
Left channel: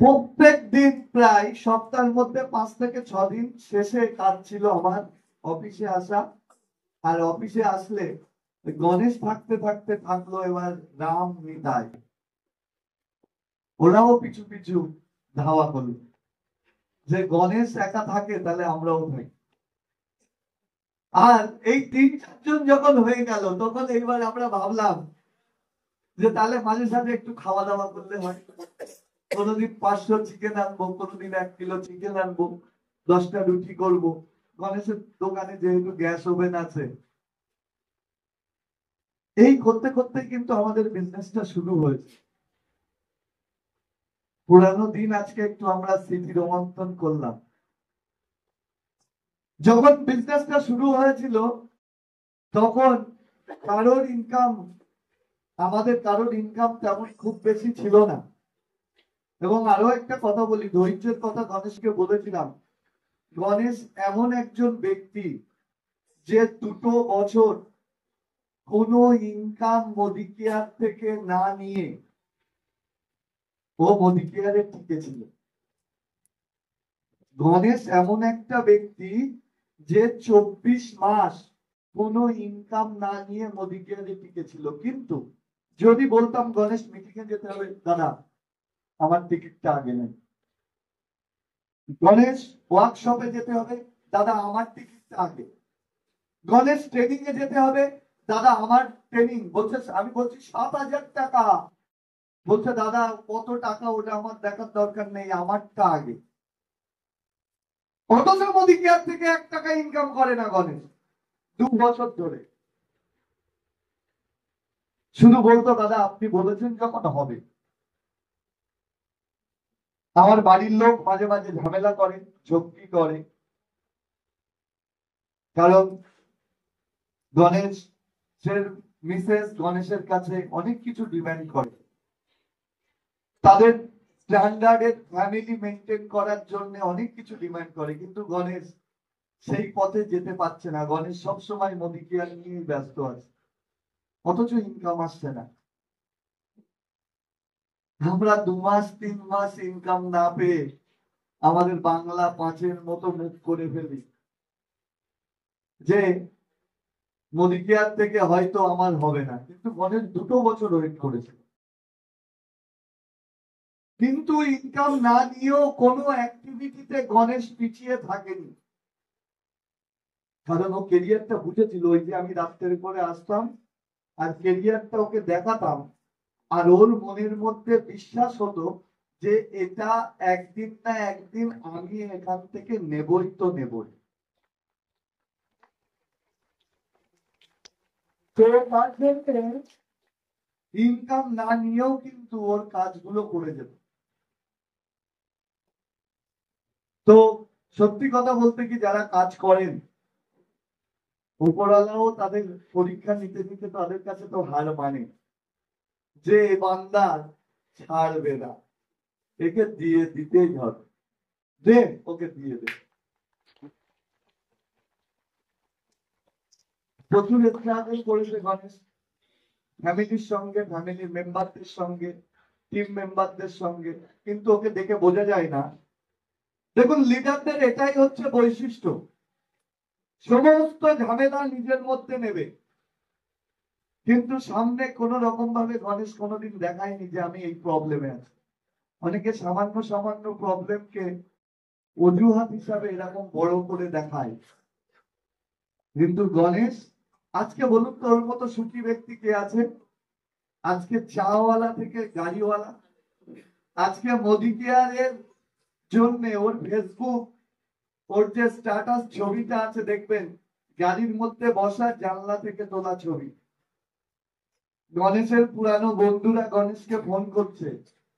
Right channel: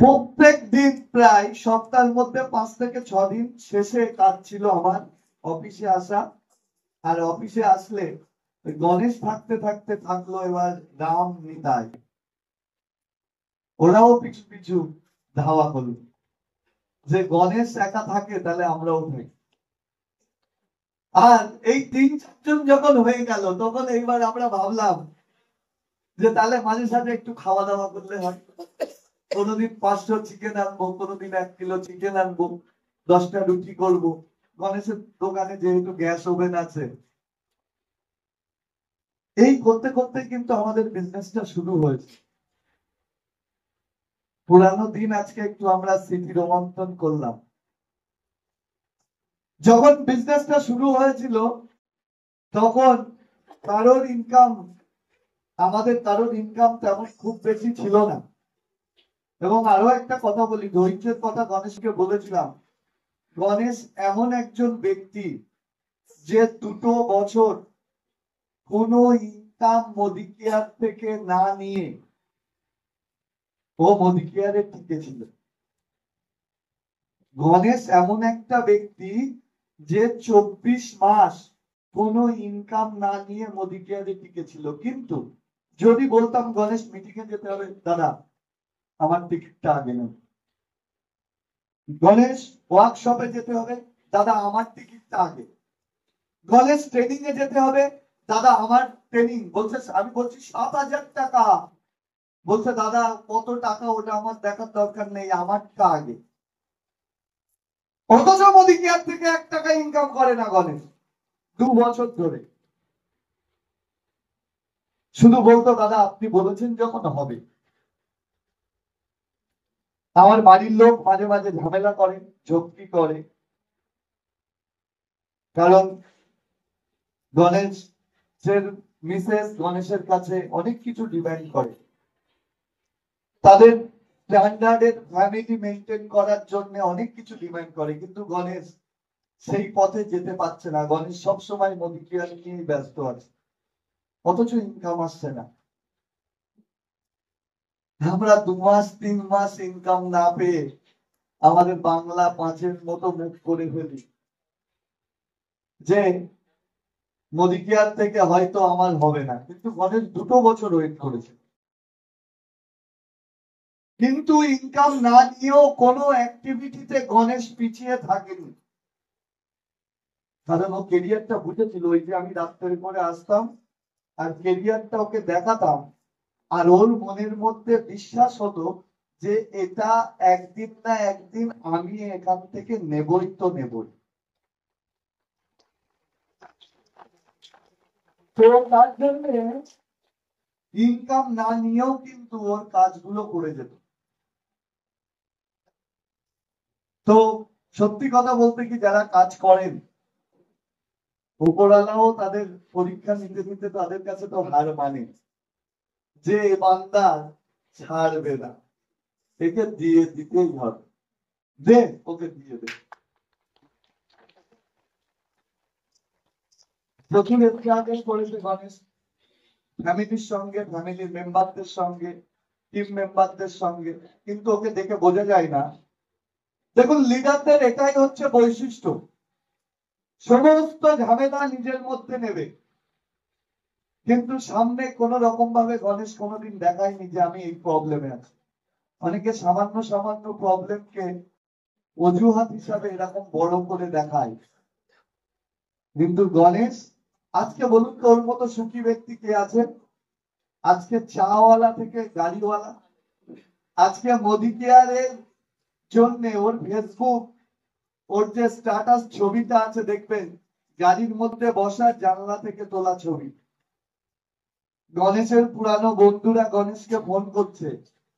প্রত্যেক দিন প্রায় সপ্তাহের মধ্যে 5 থেকে 6 দিন শেষে কাজ ছিল আমার অফিসে আসা, আর অফিসে আসলে গণেশ থাকতে থাকতে থাকলো এবার রাম নিতাই, ওরাও পিছু পিছু ধাওয়া করলো, যে গণেশ একা থাকে তাহলে আমরাও থাকি। আর এই 3-4 জন যখন হয়ে গেল, তখন এইবার আমরা ভাবলাম যে তাহলে মাঝে সাঝে একটু খাওয়া দাওয়া করলে হয়। কোনোদিন 500 চিকেন আনবো, কোনোদিন 1 কিলো চিকেন আনবো, 10টা রুটি করবো। গণেশের দোকানে যেহেতু গ্যাস ওভেন আছে, এই করতে করতে কিন্তু আমাদের বিজনেসটা শুরু হয়েছে। পুরানো দিন আজকে একটু আমরা স্মৃতি রোমন্থন করলাম। যখন বিজনেসটা শুরু হয়েছিল তখন কারোর ইনকাম, আমাদের কারোর ইনকাম তেমন খুব বেশি ছিল না। এবং আরো একটা কথা বলি, ধৈর্যের কথা গণেশকে বলেছিলাম, গণেশ এমন একজন ব্যক্তি যে 2 বছর কোনো ইনকাম মোদি কেয়ার থেকে না নিয়ে ও মোদি কেয়ারে টিকেছিল। গণেশ এমন একটা ব্যক্তি যে 24 মাস কোনো ইনকাম না নিয়ে মোদি কেয়ারে টিকেছিল। কিন্তু যদি বলতাম গণেশ মিটিং এ যেতে হবে, দাদা আমার টিকিটটা আগে নেন, গণেশ ওয়ার্কশপে যেতে হবে, দাদা আমার টিকিটটা আগে, গণেশ ট্রেনিং এ যেতে হবে, দাদা আমার ট্রেনিং, বলছে আমি বলছি 7,000 টাকা, বলছে দাদা কত টাকা ওটা আমার দেখার দরকার নেই, আমারটা আগে। অথচ মোদি কেয়ার থেকে 1 টাকা ইনকাম করে না গণেশ 2 বছর ধরে। শুধু বলতো দাদা আপনি বলেছেন যখন হবে। আমার বাড়ির লোক মাঝে মাঝে ঝামেলা করে, ঝক্কি করে, কারণ গণেশের মিসেস গণেশের কাছে অনেক কিছু ডিমান্ড করে, তাদের স্ট্যান্ডার্ডের ফ্যামিলি মেনটেন করার জন্য অনেক কিছু ডিমান্ড করে, কিন্তু গণেশ সেই পথে যেতে পারছে না। গণেশ সবসময় মোদী কেয়ার নিয়ে ব্যস্ত আছে, অথচ ইনকাম আসছে না। আমরা 2 মাস 3 মাস ইনকাম না পেয়ে আমাদের বাংলা 5-এর মতো মুখ করে ফেলি যে মোদী কেয়ার থেকে হয়তো আমার হবে না, কিন্তু গণেশ 2 বছর ওয়েট করেছে, কিন্তু ইনকাম না নিয়েও কোনো অ্যাক্টিভিটিতে গণেশ পিছিয়ে থাকেনি। কারণ ও কেরিয়ারটা বুঝেছিল। ওই যে আমি রাস্তার করে আসতাম আর কেরিয়ারটা ওকে দেখাতাম, আর ওর মনের মধ্যে বিশ্বাস হতো যে এটা একদিন না একদিন আমি এখান থেকে নেবই তো নেবই। তো তার জন্য ইনকাম না নিয়েও কিন্তু ওর কাজগুলো করে যেত। তো সত্যি কথা বলতে কি, যারা কাজ করেন উপরওয়ালাও তাদের পরীক্ষা নিতে নিতে তাদের কাছে তো হার মানে যে বান্দা ছাড়বে না, একে দিয়ে দিতেই হবে, দে ওকে দিয়ে দে। প্রচুর স্ট্রাগল করেছে গণেশ, ফ্যামিলির সঙ্গে, ফ্যামিলির মেম্বারদের সঙ্গে, টিম মেম্বারদের সঙ্গে, কিন্তু ওকে দেখে বোঝা যায় না। দেখুন, লিডারদের এটাই হচ্ছে বৈশিষ্ট্য, সমস্ত ঝামেলা নিজের মধ্যে নেবে, কিন্তু সামনে কোন রকম ভাবে গণেশ কোনোদিন দেখায়নি যে আমি এই প্রবলেমে আছি। অনেকে সামান্য সামান্য প্রবলেমকে অজুহাত হিসাবে এরকম বড় করে দেখায়, কিন্তু গণেশ, আজকে বলুন তো ওর মতো সুখী ব্যক্তি কে আছে? আজকে চাওয়ালা থেকে গাড়িওয়ালা, আজকে মোদী কেয়ারের জন্য ওর ফেসবুক, ওর যে স্ট্যাটাস ছবিটা আছে দেখবেন, গাড়ির মধ্যে বসা, জানলা থেকে তোলা ছবি। গণেশের পুরানো বন্ধুরা গণেশকে ফোন করছে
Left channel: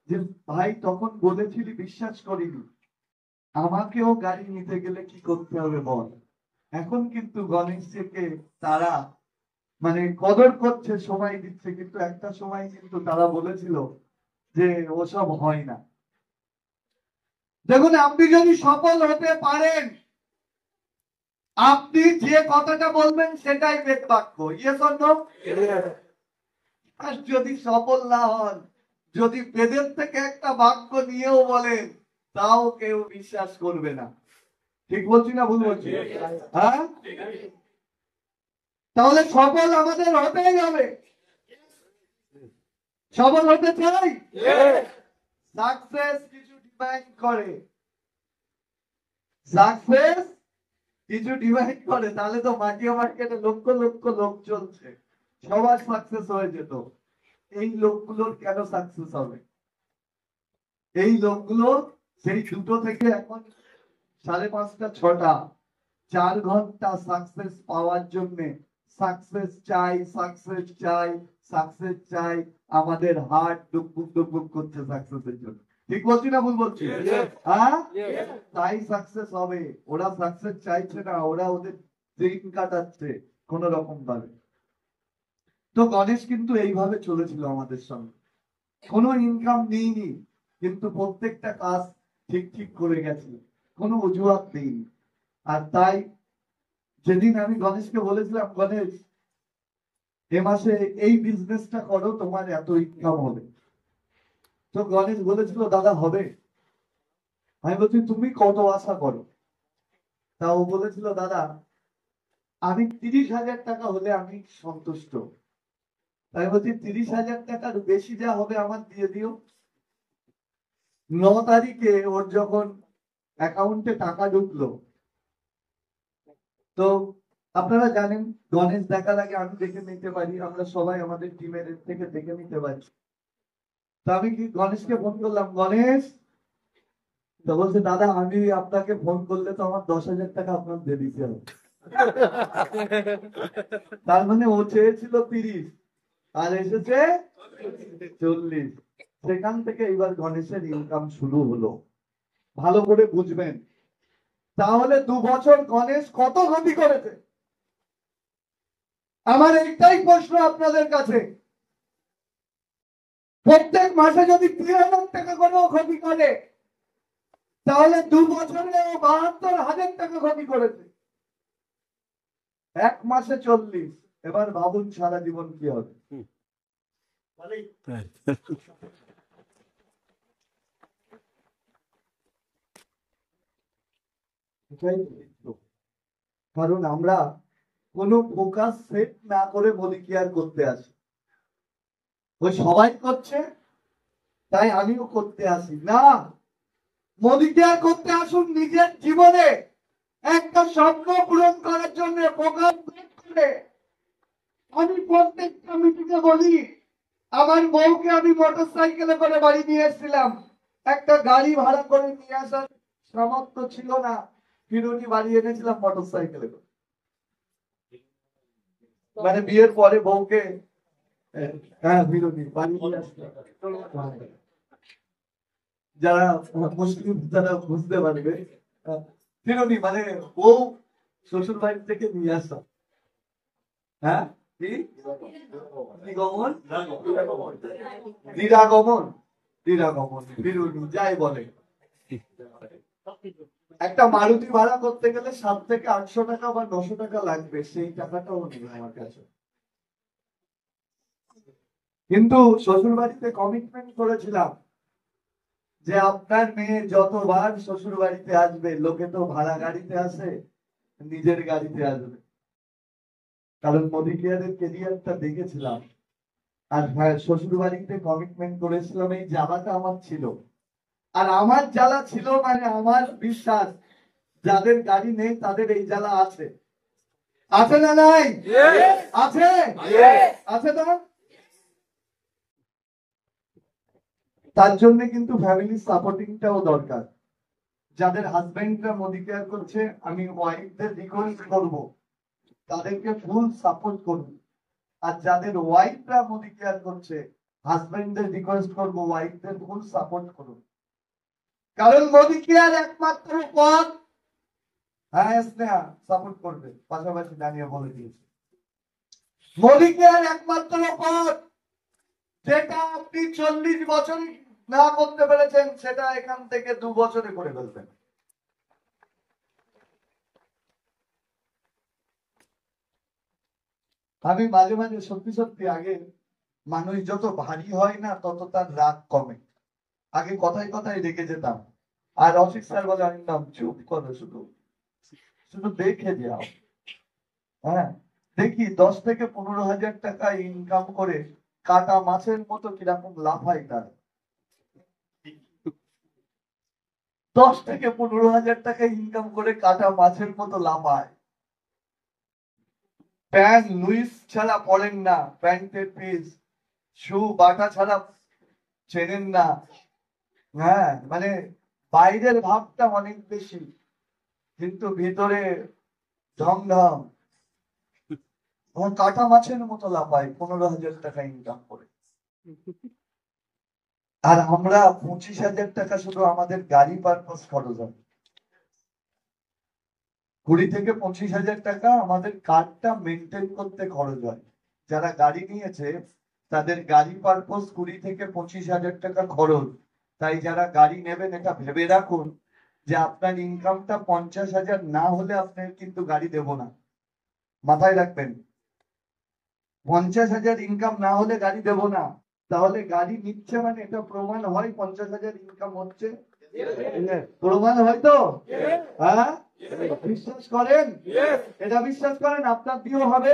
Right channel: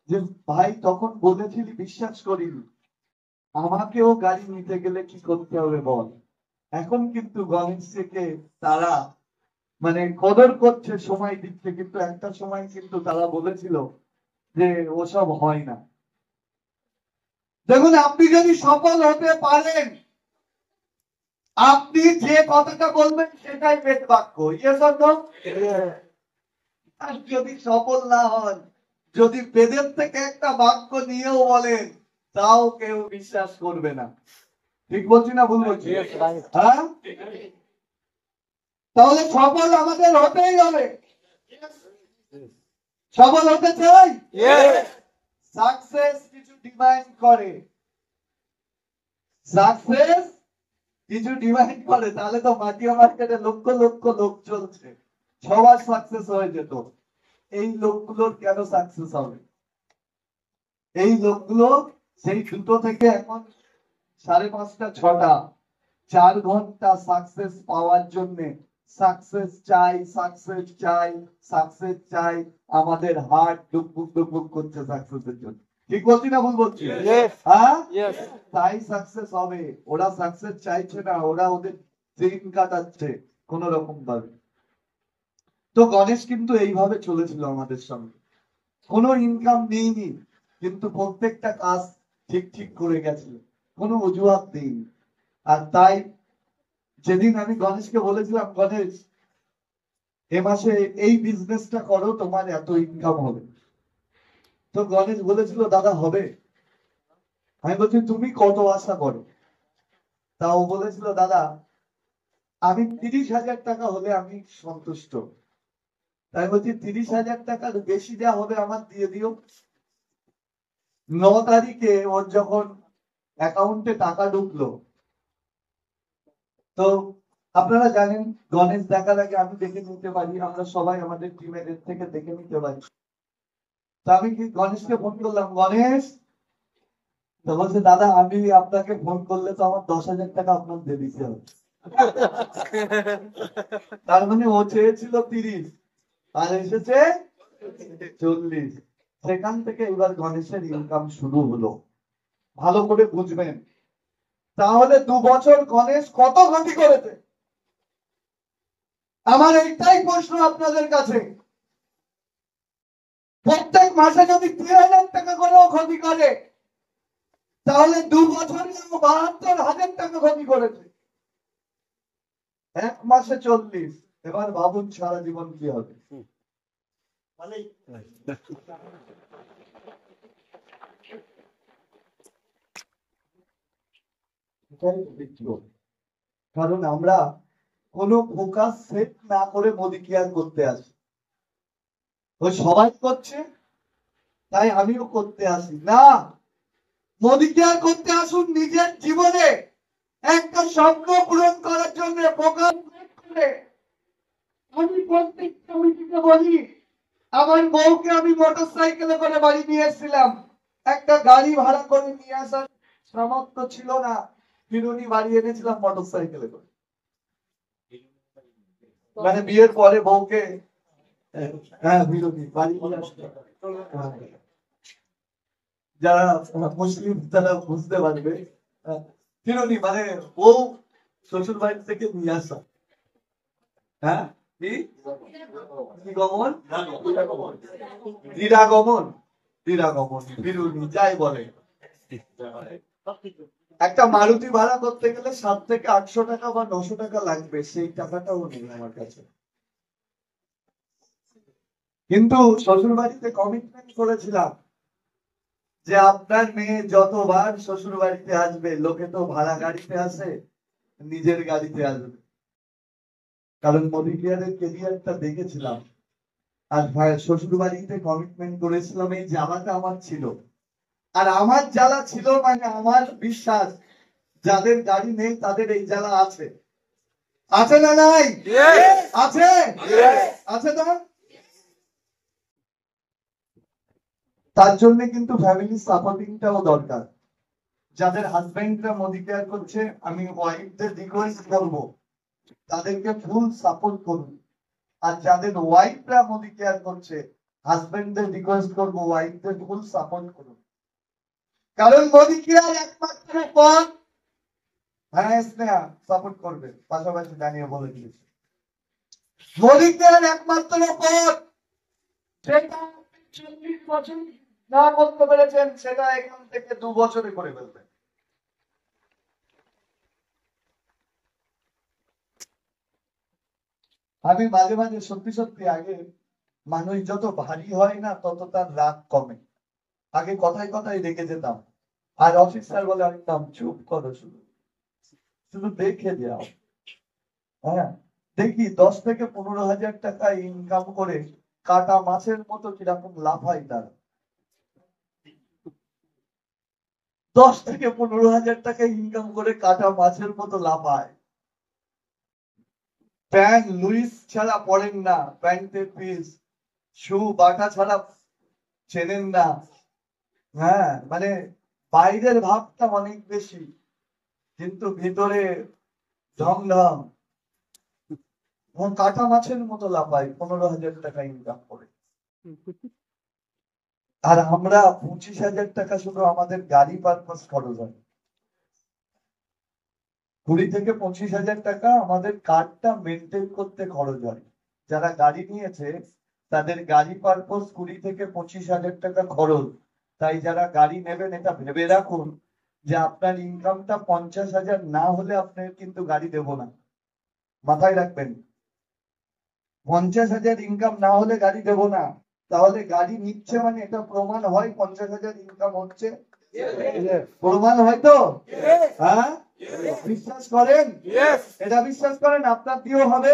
যে ভাই তখন বলেছিলি, বিশ্বাস করিনি, আমাকেও গাড়ি নিতে গেলে কি করতে হবে বল। এখন কিন্তু গণেশকে তারা মানে কদর করছে, সময় দিচ্ছে, কিন্তু একটা সময় কিন্তু তারা বলেছিল যে ওসব হয় না। দেখুন, আপনি যদি সফল হতে পারেন, আপনি যে কথাটা বলবেন সেটাই বেদ বাক্য, ইয়েস অর নো? আর যদি সফল না হন, যদি বেদের থেকে একটা বাক্য নিয়েও বলেন, তাও কেউ বিশ্বাস করবে না। ঠিক বলছি না ভুল বলছি? হ্যাঁ, তাহলে সফল আমাদের হতেই হবে। সফল হতে চাই, সাকসেস কিছু ডিমান্ড করে, সাকসেস কিছু ডিমান্ড করে। তাহলে তো মাটিয়া মার্কেটে লক্ষ লক্ষ লোক চলছে, সবার সাকসেস হয়ে যেত। এই লোকগুলোর কেন সাকসেস হবে? এই লোকগুলো সেই 2টো থেকে এখন 5:30 6টা, 4 ঘন্টা সাকসেস পাওয়ার জন্য সাকসেস চাই, সাকসেস চাই, সাকসেস চাই, আমাদের হার্ট ডুকবুক ডুকবুক করছে সাকসেসের জন্য। ঠিক বলছি না ভুল বলছি? হ্যাঁ, তাই সাকসেস হবে। ওরা সাকসেস চাইছে না, ওরা ওদের দিন কাটাচ্ছে কোন রকম ভাবে। তো গণেশ কিন্তু এইভাবে চলেছিল আমাদের সঙ্গে, কোনো ইনকাম নেইনি, কিন্তু প্রত্যেকটা কাজ ঠিক ঠিক করে গেছিল, কোনো অজুহাত নেইনি। আর তাই যেদিন আমি গণেশকে বলেছিলাম, গণেশ এ মাসে এই বিজনেসটা করো, তোমার এত ইনকাম হবে, তো গণেশ বলেছিল দাদা হবে। আমি বলছি তুমি কত আশা করো? তাও বলেছিল দাদা আমি 30,000 টাকা হলে আমি সন্তুষ্ট। তাই বলছি 30,000 টাকার বেশি যা হবে আমার দিয়ে দিও। 9 তারিখে ওর যখন অ্যাকাউন্টে টাকা ঢুকলো, তো আপনারা জানেন গণেশ দেখার আগে আমি দেখে নিতে পারি, আমরা সবাই আমাদের টিমের থেকে দেখে নিতে পারি। তো আমি কি গণেশকে ফোন করলাম, গণেশ, তো বলছে দাদা আমি আপনাকে ফোন করলে তো আমার 10,000 টাকা আপনার দিয়ে দিতে হবে। তার মানে ও চেয়েছিল 30 আর এসেছে 40। সেখান থেকে এবার গণেশের ইনকাম শুরু হলো। ভালো করে বুঝবেন, তাহলে 2 বছর গণেশ কত ক্ষতি করেছে। আমার একটাই প্রশ্ন আপনাদের কাছে, প্রত্যেক মাসে যদি 3,000 টাকা করেও ক্ষতি করে, তাহলে 2 বছরে ও 72,000 টাকা ক্ষতি করেছে। 1 মাসে 40। এবার ভাবুন সারা জীবন কি হবে। কারণ আমরা কোনো ফোকাস সেট না করে মোদি কেয়ার করতে আসি। ওই সবাই করছে তাই আমিও করতে আসি না। মোদি কেয়ার করতে আসুন নিজের জীবনে একটা স্বপ্ন পূরণ করার জন্য ফোকাস সেট করে। আমি প্রত্যেকটা মিটিংয়ে বলি, আমার বউকে আমি মোটর সাইকেলে করে বাড়ি নিয়ে এসেছিলাম, একটা গাড়ি ভাড়া করে নিয়ে আসার সামর্থ্য ছিল না, বিরুনি বাড়ি এনেছিলাম মোটর সাইকেলে করে। মানে বিয়ের পরে বউকে, হ্যাঁ বিরুনি বাড়ি নিয়ে আসতে, যারা মুসলিম তারা বুঝতে পারবে। বিরুনি মানে বউ শ্বশুর বাড়ি থেকে নিয়ে আসা। হ্যাঁ গমন, নিরাগমন, নিরাগমন, বিরুনি যাই বলে। একটা মারুতি ভাড়া করতে গেলে 7 থেকে 800 টাকা বা 900 টাকা লাগবে, সেই টাকাটাও নেই আমার কাছে। কিন্তু শ্বশুর বাড়িতে কমিটমেন্ট করেছিলাম যে আপনার মেয়ে যতবার শ্বশুর বাড়িতে আসবে, লোকে তো ভাড়া গাড়িতে আসে, নিজের গাড়িতে আসবে। কারণ মোদি কেয়ারের কেরিয়ারটা দেখেছিলাম। আর শ্বশুর বাড়িতে কমিটমেন্ট করেছিলাম, এই জ্বালাটা আমার ছিল। আর আমার জ্বালা ছিল মানে আমার বিশ্বাস যাদের গাড়ি নেই তাদের এই জ্বালা আছে। আছে না নাই? আছে, আছে না? তার জন্য কিন্তু ফ্যামিলি সাপোর্টিংটাও দরকার। যাদের হাজবেন্ডরা মোদি কেয়ার করছে, আমি ওয়াইফদের রিকোয়েস্ট করবো তাদেরকে ফুল সাপোর্ট করুন। আর যাদের ওয়াইফরা মোদি কেয়ার করছে, হাজবেন্ডদের রিকোয়েস্ট করবো ওয়াইফদের ফুল সাপোর্ট করুন। কারণ মোদি কেয়ার একমাত্র পথ, হ্যাঁ স্নেহা সাপোর্ট করবে, পাশাপাশি দাঁড়িয়ে বলে দিয়েছে, মোদি কেয়ার একমাত্র পথ যেটা আপনি 40 বছর না করতে পেরেছেন, সেটা এখান থেকে 2 বছরে করে ফেলবেন। আমি মাঝে মাঝে সত্যি সত্যি, আগে মানুষ যত ভারী হয় না তত তার রাগ কমে। আগে কথায় কথায় রেগে যেতাম, আর অসিত স্যার বলে একদম চুপ করো, শুধু শুধু দেখে যাও। হ্যাঁ, দেখি 10 থেকে 15,000 টাকা ইনকাম করে কাটা মাছের মতো কিরকম লাফাই তার। 10 থেকে 15,000 টাকা ইনকাম করে কাটা মাছের মতো লাফায়। প্যান্ট লুইস ছাড়া পরেন না, প্যান্টের পিস, শু বাটা ছাড়া চেনেন না। হ্যাঁ, মানে বাইরের ভাবটা অনেক বেশি, কিন্তু ভিতরে ঝমঝম। কাটা মাছের মতো লাফায় 15,000 টাকা ইনকাম করে। আর আমরা 25,000 টাকা শুধু আমাদের গাড়ি পারপাস খরচ হয়। 20 থেকে 25,000 টাকা আমাদের কারটা মেনটেন করতে খরচ হয়। যারা গাড়ি নিয়েছে তাদের গাড়ি পারপাস 20 থেকে 25,000 টাকা খরচ। তাই যারা গাড়ি নেবেন এটা ভেবে রাখুন যে আপনার ইনকামটা 50,000 না হলে আপনি কিন্তু গাড়ি দেব না। মাথায় রাখবেন, 50,000 ইনকাম না হলে গাড়ি দেব না। তাহলে গাড়ি নিচ্ছে মানে এটা প্রমাণ হয় 50,000 ইনকাম হচ্ছে, প্রমাণ হয় তো? হ্যাঁ, বিশ্বাস করেন? এটা বিশ্বাস করেন আপনার দিয়ে হবে?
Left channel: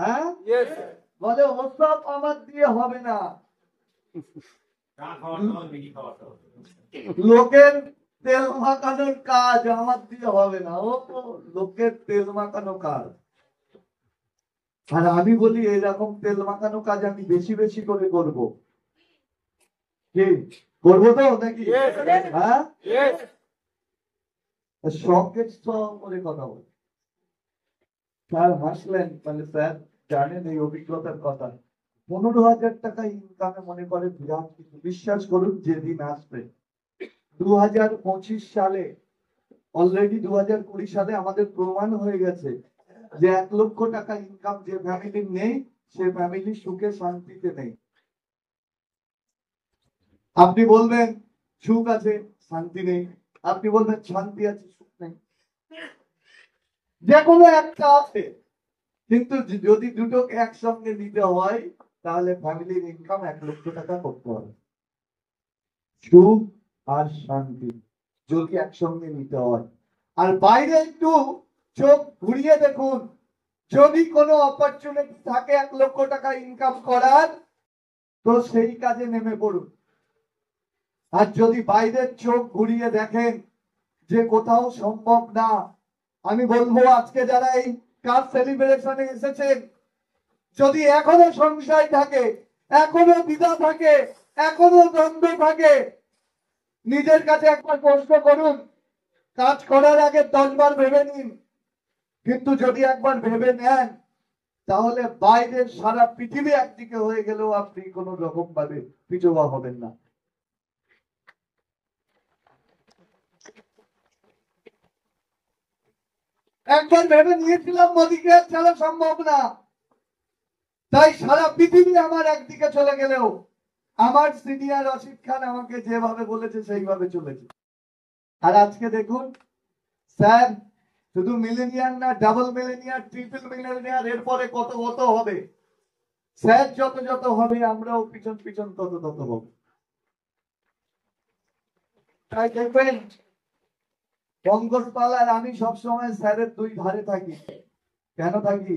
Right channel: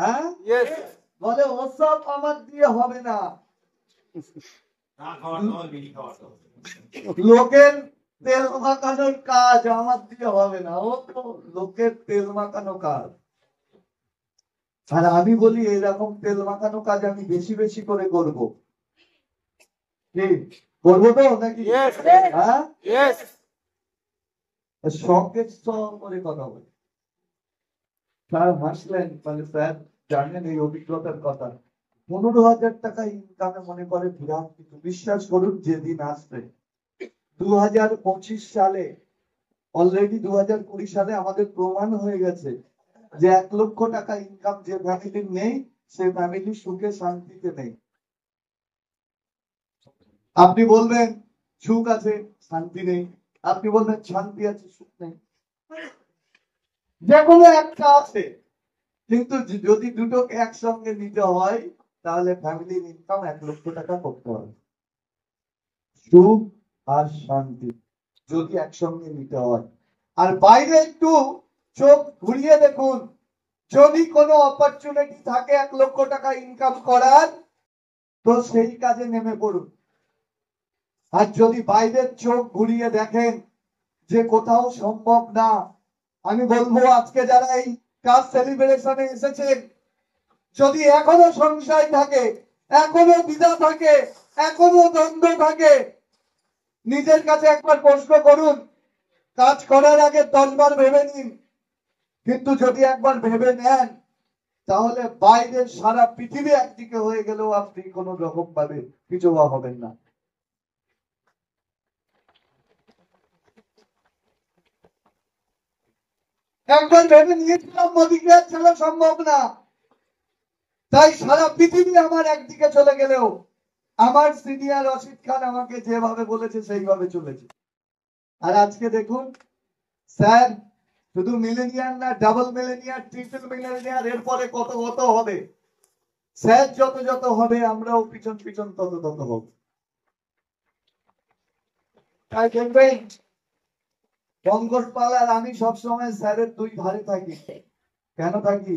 হ্যাঁ, বলে ওসব আমার দিয়ে হবে না। লোকের তেল মাখানোর কাজ আমার দিয়ে হবে না, ও তো লোকের তেল মাখানো কাজ। আর আমি বলি এরকম তেল মাখানো কাজ আমি বেশি বেশি করে করবো। কি করবো তো নাকি? হ্যাঁ, শখের শখ করে কথা বলি। স্যার হাসলেন, মানে স্যার জানেন এই অভিজ্ঞতার কথা। 15,000 টাকা ইনকামে মনে করে বিরাট কিছু। বিশ্বাস করুন, যেদিন আসবে 2025 সালে, অলরেডি 2020 সালে আমাদের প্রমাণ হয়ে গেছে যে 1 লক্ষ টাকা ইনকাম যে ফ্যামিলির নেই, সে ফ্যামিলি সুখে শান্তিতে নেই। আপনি বলবেন সুখ আছে শান্তি নেই, আপনি বলবেন শান্তি আছে সুখ নেই। যে কোনো একটা আছে, কিন্তু যদি দুটোকে একসঙ্গে নিতে হয় তাহলে ফ্যামিলির ইনকাম 1,00,000 টাকা করতে হবে। সুখ আর শান্তি যদি একসঙ্গে নিতে হয়। আর বাইরে একটু চোখ ঘুরিয়ে দেখুন, যদি কোনো অপরচুনিটি থাকে 1,00,000 টাকা ইনকাম করার, তো সেই কাজে নেমে পড়ুন। আর যদি বাইরের চোখ ঘুরিয়ে দেখেন যে কোথাও সম্ভব না, আমি বলবো আজকে যারা এই কাজ সেলিব্রেশনে এসেছেন, যদি এখনো সংশয় থাকে, এখনো দ্বিধা থাকে, এখনো দ্বন্দ্ব থাকে, নিজের কাছে একবার প্রশ্ন করুন। কাজ করার আগে 10 বার ভেবে নিন, কিন্তু যদি একবার ভেবে নেন তাহলে বাইরের সারা পৃথিবী একদিকে হয়ে গেলেও আপনি কোনো রকম ভাবে পিছুয়া হবেন না। একবার ভেবে নিয়েছিলাম মোদীকে ছাড়া সম্ভব না, তাই সারা পৃথিবী আমার একদিকে চলে গেলেও আমার সিনিয়র অসিত খান আমাকে যেভাবে বলেছে সেইভাবে চলেছে। আর আজকে দেখুন স্যার শুধু মিলেনিয়ার না, ডাবল মিলেনিয়ার, ট্রিপল মিলেনিয়ার, এরপরে কত কত হবে। স্যার যত যত হবে আমরাও পিছন পিছন তত তত হব। তাই দেখবেন পঙ্কজ আর আমি সবসময় স্যারের দুই ধারে থাকি। কেন থাকি?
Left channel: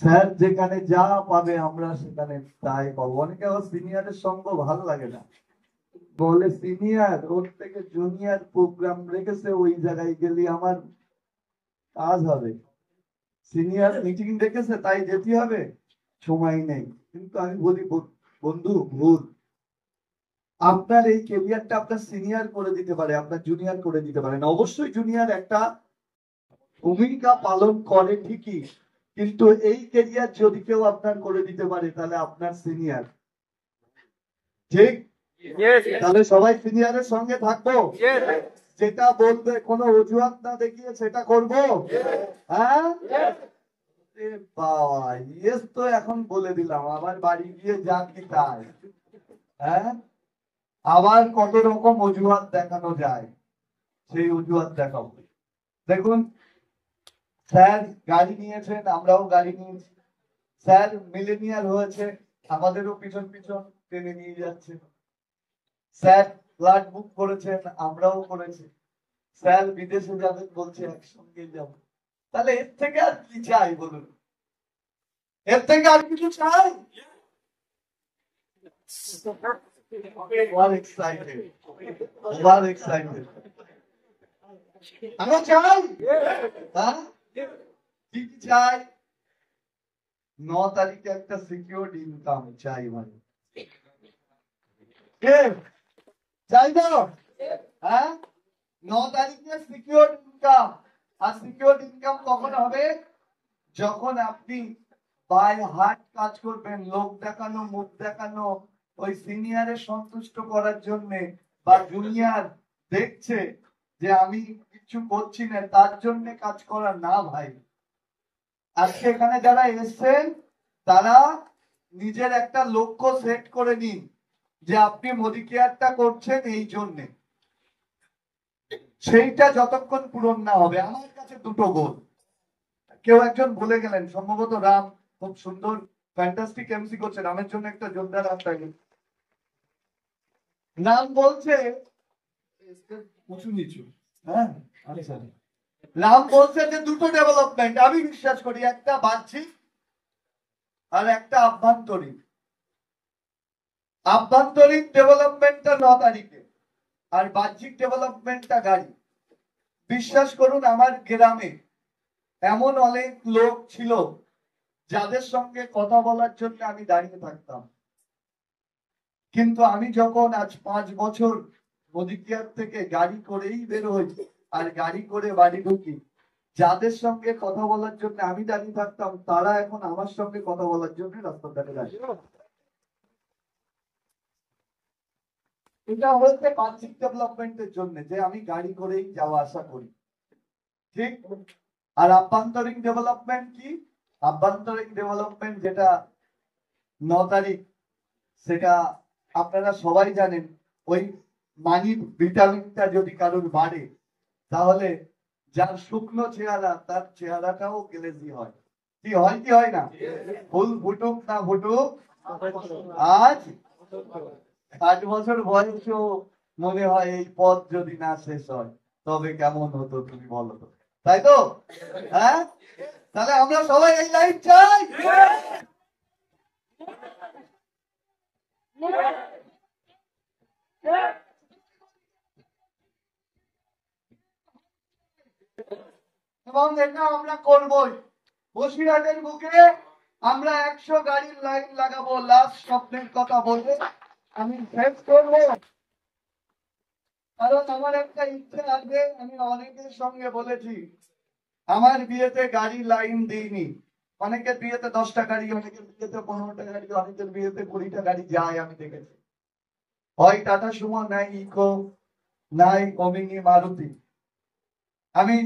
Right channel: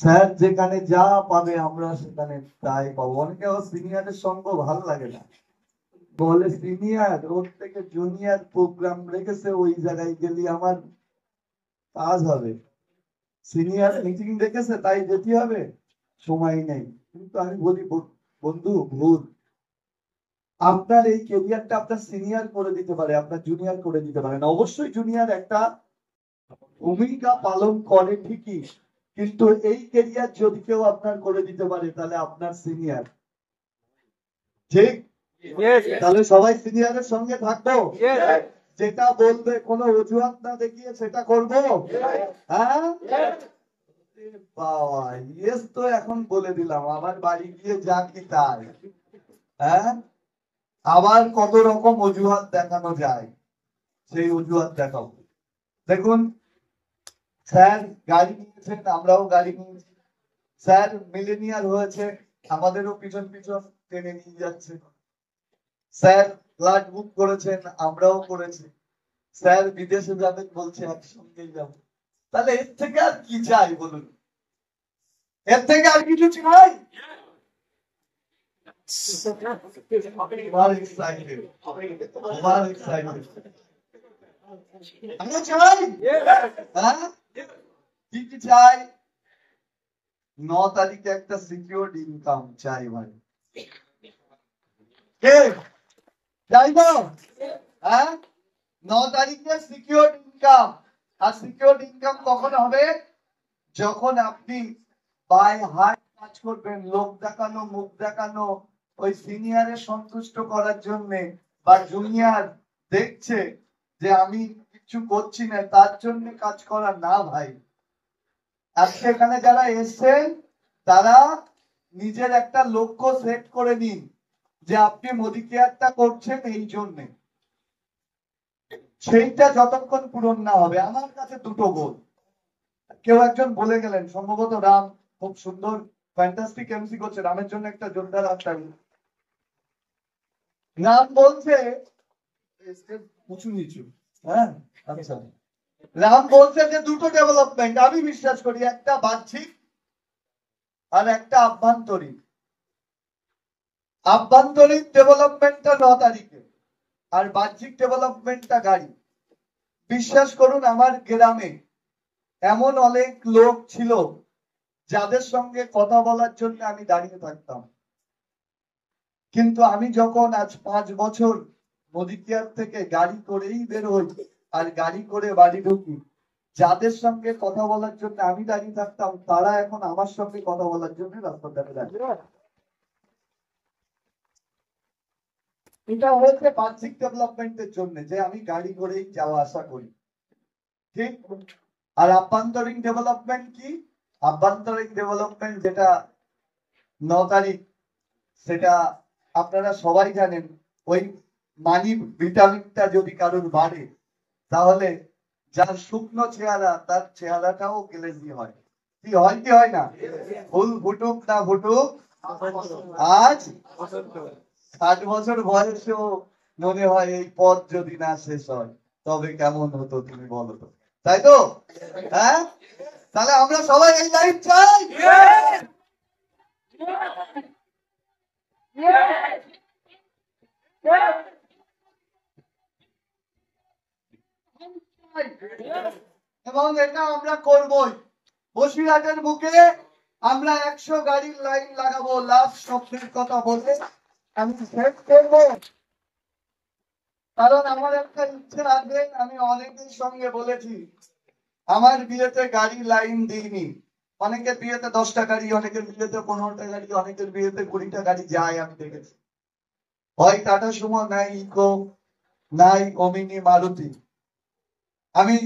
স্যার যেখানে যা পাবে আমরা সেখানে তাই পাবো। অনেকে আবার সিনিয়রের সঙ্গ ভালো লাগে না, বলে সিনিয়র ওর থেকে জুনিয়র প্রোগ্রাম রেখেছে, ওই জায়গায় গেলে আমার কাজ হবে। সিনিয়র মিটিং রেখেছে তাই যেতে হবে, সময় নেই। কিন্তু আমি বলি বন্ধু ভুল। আপনার এই কেরিয়ারটা আপনার সিনিয়র করে দিতে পারে, আপনার জুনিয়র করে দিতে পারে না। অবশ্যই জুনিয়র একটা ভূমিকা পালন করে ঠিকই, কিন্তু এই কেরিয়ার যদি কেউ আপনার করে দিতে পারে তাহলে আপনার সিনিয়র। ঠিক? তাহলে সবাই সিনিয়রের সঙ্গে থাকবো, যেটা বলবে কোনো অজুহাত না দেখিয়ে সেটা করবো। হ্যাঁ বাবা, ইয়েস তো এখন বলে দিলাম, আবার বাড়ি গিয়ে যা কি তাই। হ্যাঁ, আবার কত রকম অজুহাত দেখানো যায়, সেই অজুহাত দেখাবো। দেখুন স্যার গাড়ি নিয়েছেন, আমরাও গাড়ি নিয়েছি। স্যার মিলেনিয়ার হয়েছে, আমাদেরও পিছন পিছন টেনে নিয়ে যাচ্ছে। স্যার ফ্লাইট বুক করেছেন, আমরাও করেছি। স্যার বিদেশে যাবেন বলছে, একসঙ্গে যাব। তাহলে এর থেকে আর কি চাই বলুন? এর থেকে আর কিছু চাই? আমরা চাই, হ্যাঁ কি কি চাই? 9 তারিখে একটা সিকিউর ইনকাম চাই ভাই। কে চাই তো? হ্যাঁ, 9 তারিখে সিকিউর ইনকাম। আর সিকিউর ইনকাম কখন হবে? যখন আপনি বাই হার্ট কাজ করবেন, লোক দেখানো, মুখ দেখানো, ওই সিনিয়রের সন্তুষ্ট করার জন্য, বা জুনিয়র দেখছে যে আমি কিছু করছি না তার জন্য কাজ করা না ভাই। আজকে এখানে যারা এসছেন তারা নিজের একটা লক্ষ্য সেট করে নিন যে আপনি মোদি কেয়ারটা করছেন এই জন্য। সেইটা যতক্ষণ পূরণ না হবে, আমার কাছে দুটো গোল। কেউ একজন বলে গেলেন, সম্ভবত রাম, খুব সুন্দর ফ্যান্টাস্টিক এমসি করছে, রামের জন্য একটা জোরদার হাততালি। রাম বলছে উঁচু নিচু, হ্যাঁ আচ্ছা, রাম বলছে যে দুটো ডেভেলপমেন্ট আমি বিশ্বাস করি, একটা বাহ্যিক আর একটা আভ্যন্তরীণ। আভ্যন্তরীণ ডেভেলপমেন্টটা 9 তারিখে, আর বাহ্যিক ডেভেলপমেন্টটা গাড়ি। বিশ্বাস করুন আমার গ্রামে এমন অনেক লোক ছিল যাদের সঙ্গে কথা বলার জন্য আমি দাঁড়িয়ে থাকতাম, কিন্তু আমি যখন আজ 5 বছর মোদি কেয়ার থেকে গাড়ি করেই বের হই আর গাড়ি করে বাড়ি ঢুকি, যাদের সঙ্গে কথা বলার জন্য আমি দাঁড়িয়ে থাকতাম তারা এখন আমার সঙ্গে কথা বলার জন্য রাস্তা ধারে দাঁড়িয়ে। এটা হয়েছে বাহ্যিক ডেভেলপমেন্টের জন্য, যে আমি গাড়ি করেই যাওয়া আসা করি, ঠিক। আর আভ্যন্তরীণ ডেভেলপমেন্ট কি? আভ্যন্তরীণ ডেভেলপমেন্ট যেটা 9 তারিখ, সেটা আপনারা সবাই জানেন। ওই মানি ভিটামিনটা যদি কারোর বাড়ে তাহলে যার শুকনো চেহারা তার চেহারাটাও গ্লেজি হয়, কি হয় কি হয় না? ফুল ফুটুক না ফুটুক, আজ 60 বছর বয়সেও মনে হয় এই পথ যদি না শেষ হয় তবে কেমন হতো তুমি বলো তো, তাই তো? হ্যাঁ, তাহলে আমরা সবাই এই লাইফ চাই। এবং এটা আমরা করবই। বসিরহাটের বুকে আমরা 100 গাড়ির লাইন লাগাবো, লাস্ট স্বপ্নের কথা বলে আমি শেষ করবো। কারণ আমার একটা ইচ্ছে আছে, আমি অনেকের সঙ্গে বলেছি, আমার বিয়েতে গাড়ি লাইন দিইনি। অনেকের বিয়েতে 10টা গাড়ি, অনেকের বিয়েতে 15টা গাড়ি, অনেকের বিয়েতে 20টা গাড়ি যায় আমি দেখেছি। হয় টাটা সুমো, নাই ইকো, নাই ওমিনি, মারুতি। আমি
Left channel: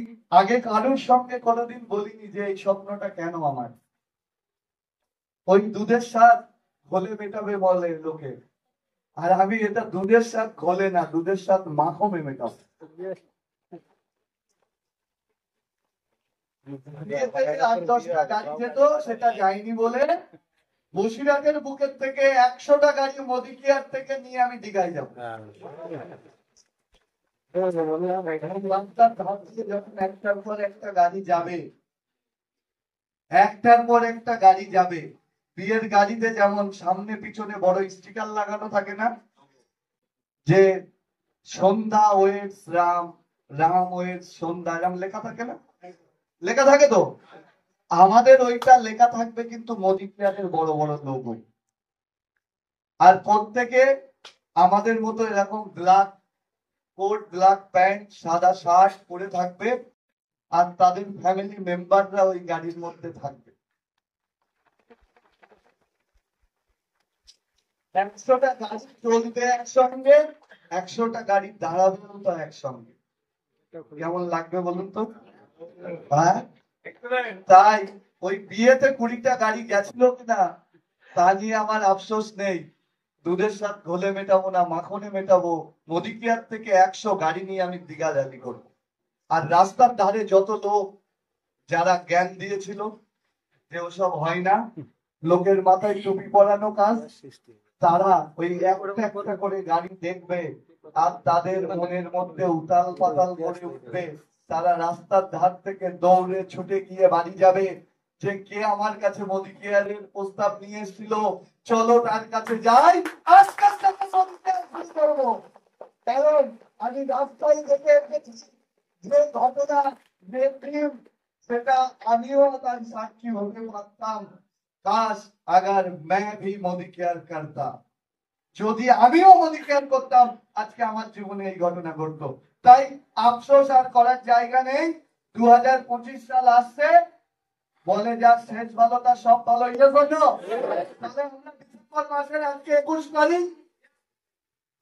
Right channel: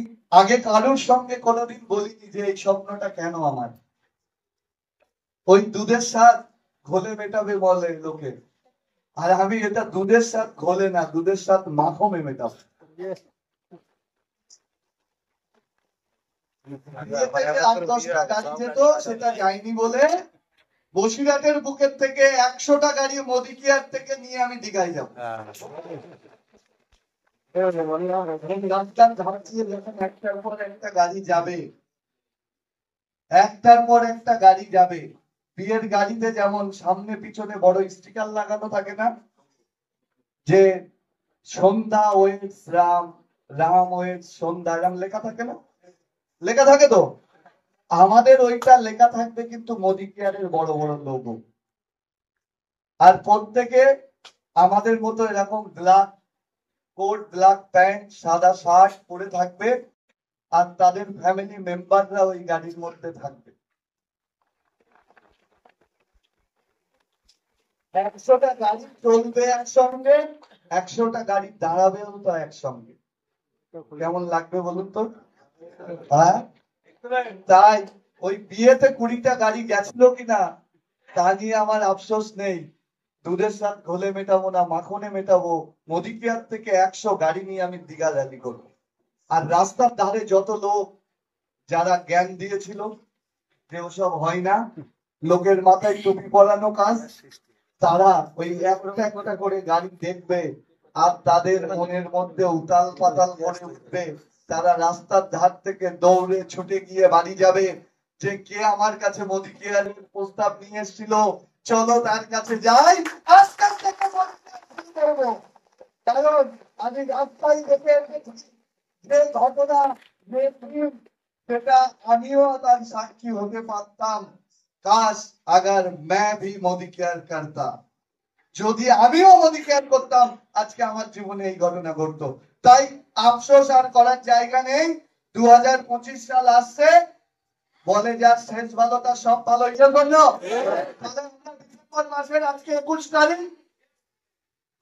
আগে কারোর সঙ্গে কোনোদিন বলিনি যে এই স্বপ্নটা কেন আমার। ওই দুধের স্বাদ ঘোলে মেটাবে বলে লোকে, আর আমি এটা দুধের স্বাদ ঘোলে না, দুধের স্বাদ মাখমে মেটাবো। আর 10টা গাড়ি যেত, সেটা যায়নি বলে বসিরহাটের বুকের থেকে 100টা গাড়ি মোদি কেয়ার থেকে নিয়ে আমি দীঘায় যাবো। রাস্তার ধার দিয়ে যখন একটার পর একটা গাড়ি যাবে, একটার পর একটা গাড়ি যাবে, বিয়ের গাড়িতে যেমন সামনে পিছনে বড় স্টিকার লাগানো থাকে না, যে সন্ধ্যা ওয়েটস রাম, রাম ওয়েটস সন্ধ্যা, এরকম লেখা থাকে না? লেখা থাকে তো। আমাদের ওইটা লেখা থাকবে কিন্তু মোদি কেয়ারের বড় বড় লোগো। আর প্রত্যেকে আমাদের মতো এরকম ব্ল্যাক কোট, ব্ল্যাক প্যান্ট, সাদা শার্ট পরে থাকবে, আর তাদের ফ্যামিলি মেম্বাররা ওই গাড়ির মধ্যে থাকবে। 100টা গাড়ি চলবে একসঙ্গে, 100টা গাড়ি দাঁড়াবেও তো একসঙ্গে। কেমন লাগবে বলুন তো? হ্যাঁ, তাই ওই বিয়েতে 20টা গাড়ি গেছিল কিনা তা নিয়ে আমার আফসোস নেই। দুধের স্বাদ ঘোলে মেটাবো না, মাখনে মেটাবো। মোদি কেয়ার থেকে 100 গাড়ি নিয়ে আমি দীঘা র্যালি করবো। আর রাস্তার ধারে যত লোক যারা জ্ঞান দিয়েছিল যে ওসব হয় না, লোকের মাথায় টুপি পরানো কাজ, তারা ওই একটা একটা করে গাড়ি দেখবে আর তাদের মনের মধ্যে উতাল পাতাল করে উঠবে। তারা রাস্তার ধার থেকে দৌড়ে ছুটে গিয়ে বাড়ি যাবে, যে কে আমার কাছে মোদি কেয়ারের প্রস্তাব নিয়ে এসেছিল, চলো তার কাছে যাই, আজকাল থেকে মোদি কেয়ার শুরু করবো। কারণ আমি রাস্তায় দেখে এসেছি যে ঘটনা, যে প্রেম, সেটা আমিও তার সাক্ষী হতে পারতাম। কাশ अगर मैं भी मोदी केयर करता, যদি আমিও মোদি কেয়ার করতাম আজকে আমার জীবনে এই ঘটনা ঘটতো। তাই আফসোস আর করার জায়গা নেই। 2025 সাল আসছে, বলে যা শেষ ভালো তার সব ভালো। তাহলে আমরা ডিসেম্বর মাসের আজকে 21 তারিখ,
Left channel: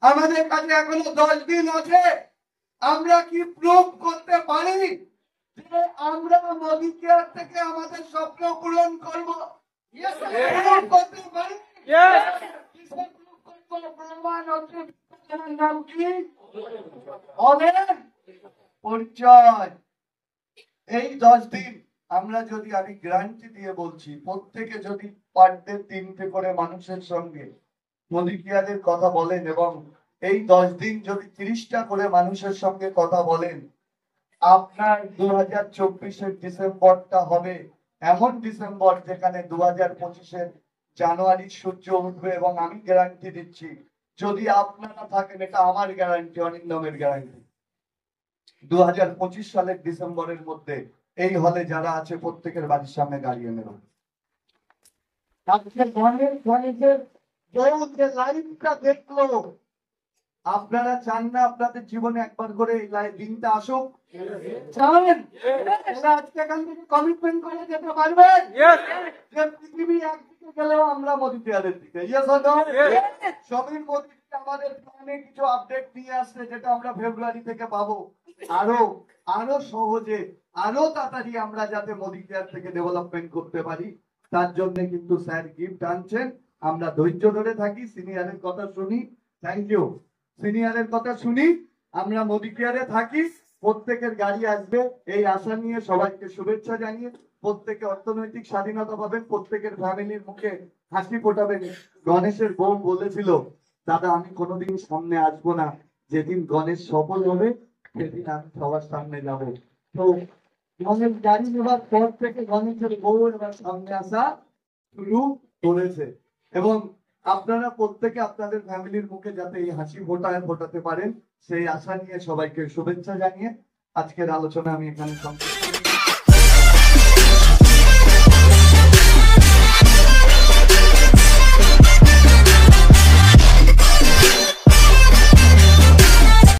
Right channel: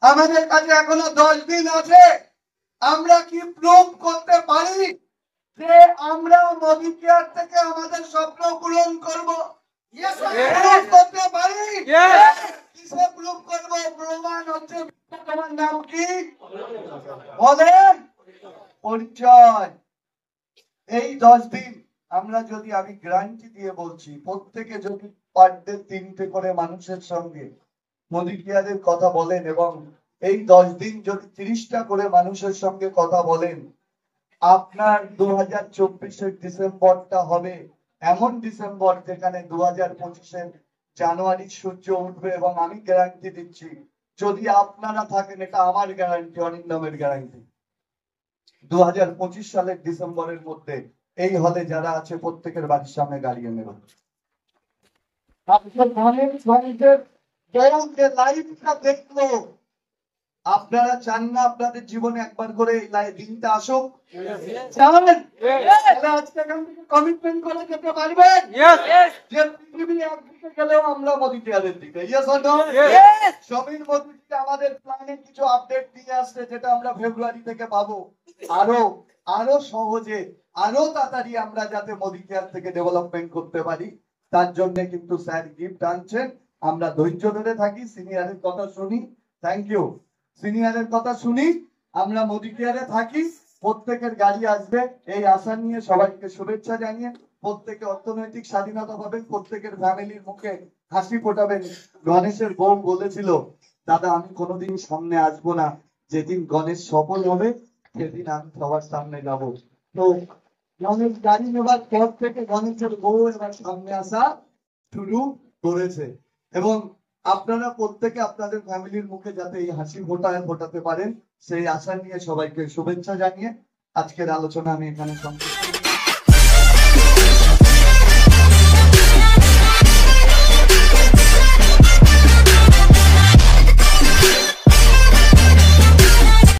আমাদের কাছে এখনো 10 দিন আছে। আমরা কি প্রুভ করতে পারি যে আমরা মোদি কেয়ার থেকে আমাদের স্বপ্ন পূরণ করব? প্রুভ করতে পারি। কিসে প্রুভ করব? প্রমাণ হচ্ছে তোমার নাম কি বলেন, পরিচয়। এই 10 দিন আমরা যদি, আমি গ্যারান্টি দিয়ে বলছি, প্রত্যেকে যদি পার ডে 3টে করে মানুষের সঙ্গে মোদি কেয়ারের কথা বলেন, এবং এই 10 দিন যদি 30টা করে মানুষের সঙ্গে কথা বলেন, আপনার 2024-এর ডিসেম্বরটা হবে এমন ডিসেম্বর যেখানে 2025-এর জানুয়ারি সূর্য উঠবে। এবং আমি গ্যারান্টি দিচ্ছি, যদি আপনারা থাকেন, এটা আমার গ্যারান্টি, অরিন্দমের গ্যারান্টি, 2025 সালের ডিসেম্বরের মধ্যে এই হলে যারা আছে প্রত্যেকের বাড়ির সামনে গাড়ি এনে রাখবে। লাইফটা দেখলো, আপনারা চান না আপনাদের জীবনে একবার করে এই দিনটা আসুক? চান? আজকে এখান থেকে কমিটমেন্ট করে যেতে পারবেন যে পৃথিবী একদিকে গেলেও আমরা মোদি কেয়ারের দিকে? সমীর মোদি আমাদের প্ল্যানে কিছু আপডেট দিয়ে আসছে, যেটা আমরা ফেব্রুয়ারি থেকে পাবো। আরো সহজে, আরো তাড়াতাড়ি আমরা যাতে মোদি কেয়ার থেকে ডেভেলপমেন্ট করতে পারি, তার জন্য কিন্তু স্যার গিফট আনছেন। আমরা ধৈর্য ধরে থাকি, সিনিয়রের কথা শুনি। Thank you. সিনিয়রের কথা শুনি, আমরা মোদি কেয়ারে থাকি, প্রত্যেকের গাড়ি আসবে এই আশা নিয়ে সবাইকে শুভেচ্ছা জানিয়ে প্রত্যেকে অর্থনৈতিক স্বাধীনতা পাবেন, প্রত্যেকের ফ্যামিলির মুখে হাসি ফোটাবেন। গণেশের বউ বলেছিল, দাদা আমি কোনোদিন সামনে আসবো না, যেদিন গণেশ সফল হবে সেদিন আমি সবার সামনে যাব। তো গণেশ গাড়ি নেবার পর থেকে গণেশের বউ এবার সামনে আসা শুরু করেছে। এবং আপনারা প্রত্যেকে আপনাদের ফ্যামিলির মুখে যাতে এই হাসি ফোটাতে পারেন সেই আশা নিয়ে সবাইকে শুভেচ্ছা জানিয়ে আজকের আলোচনা আমি এখানে সমাপ্ত করছি।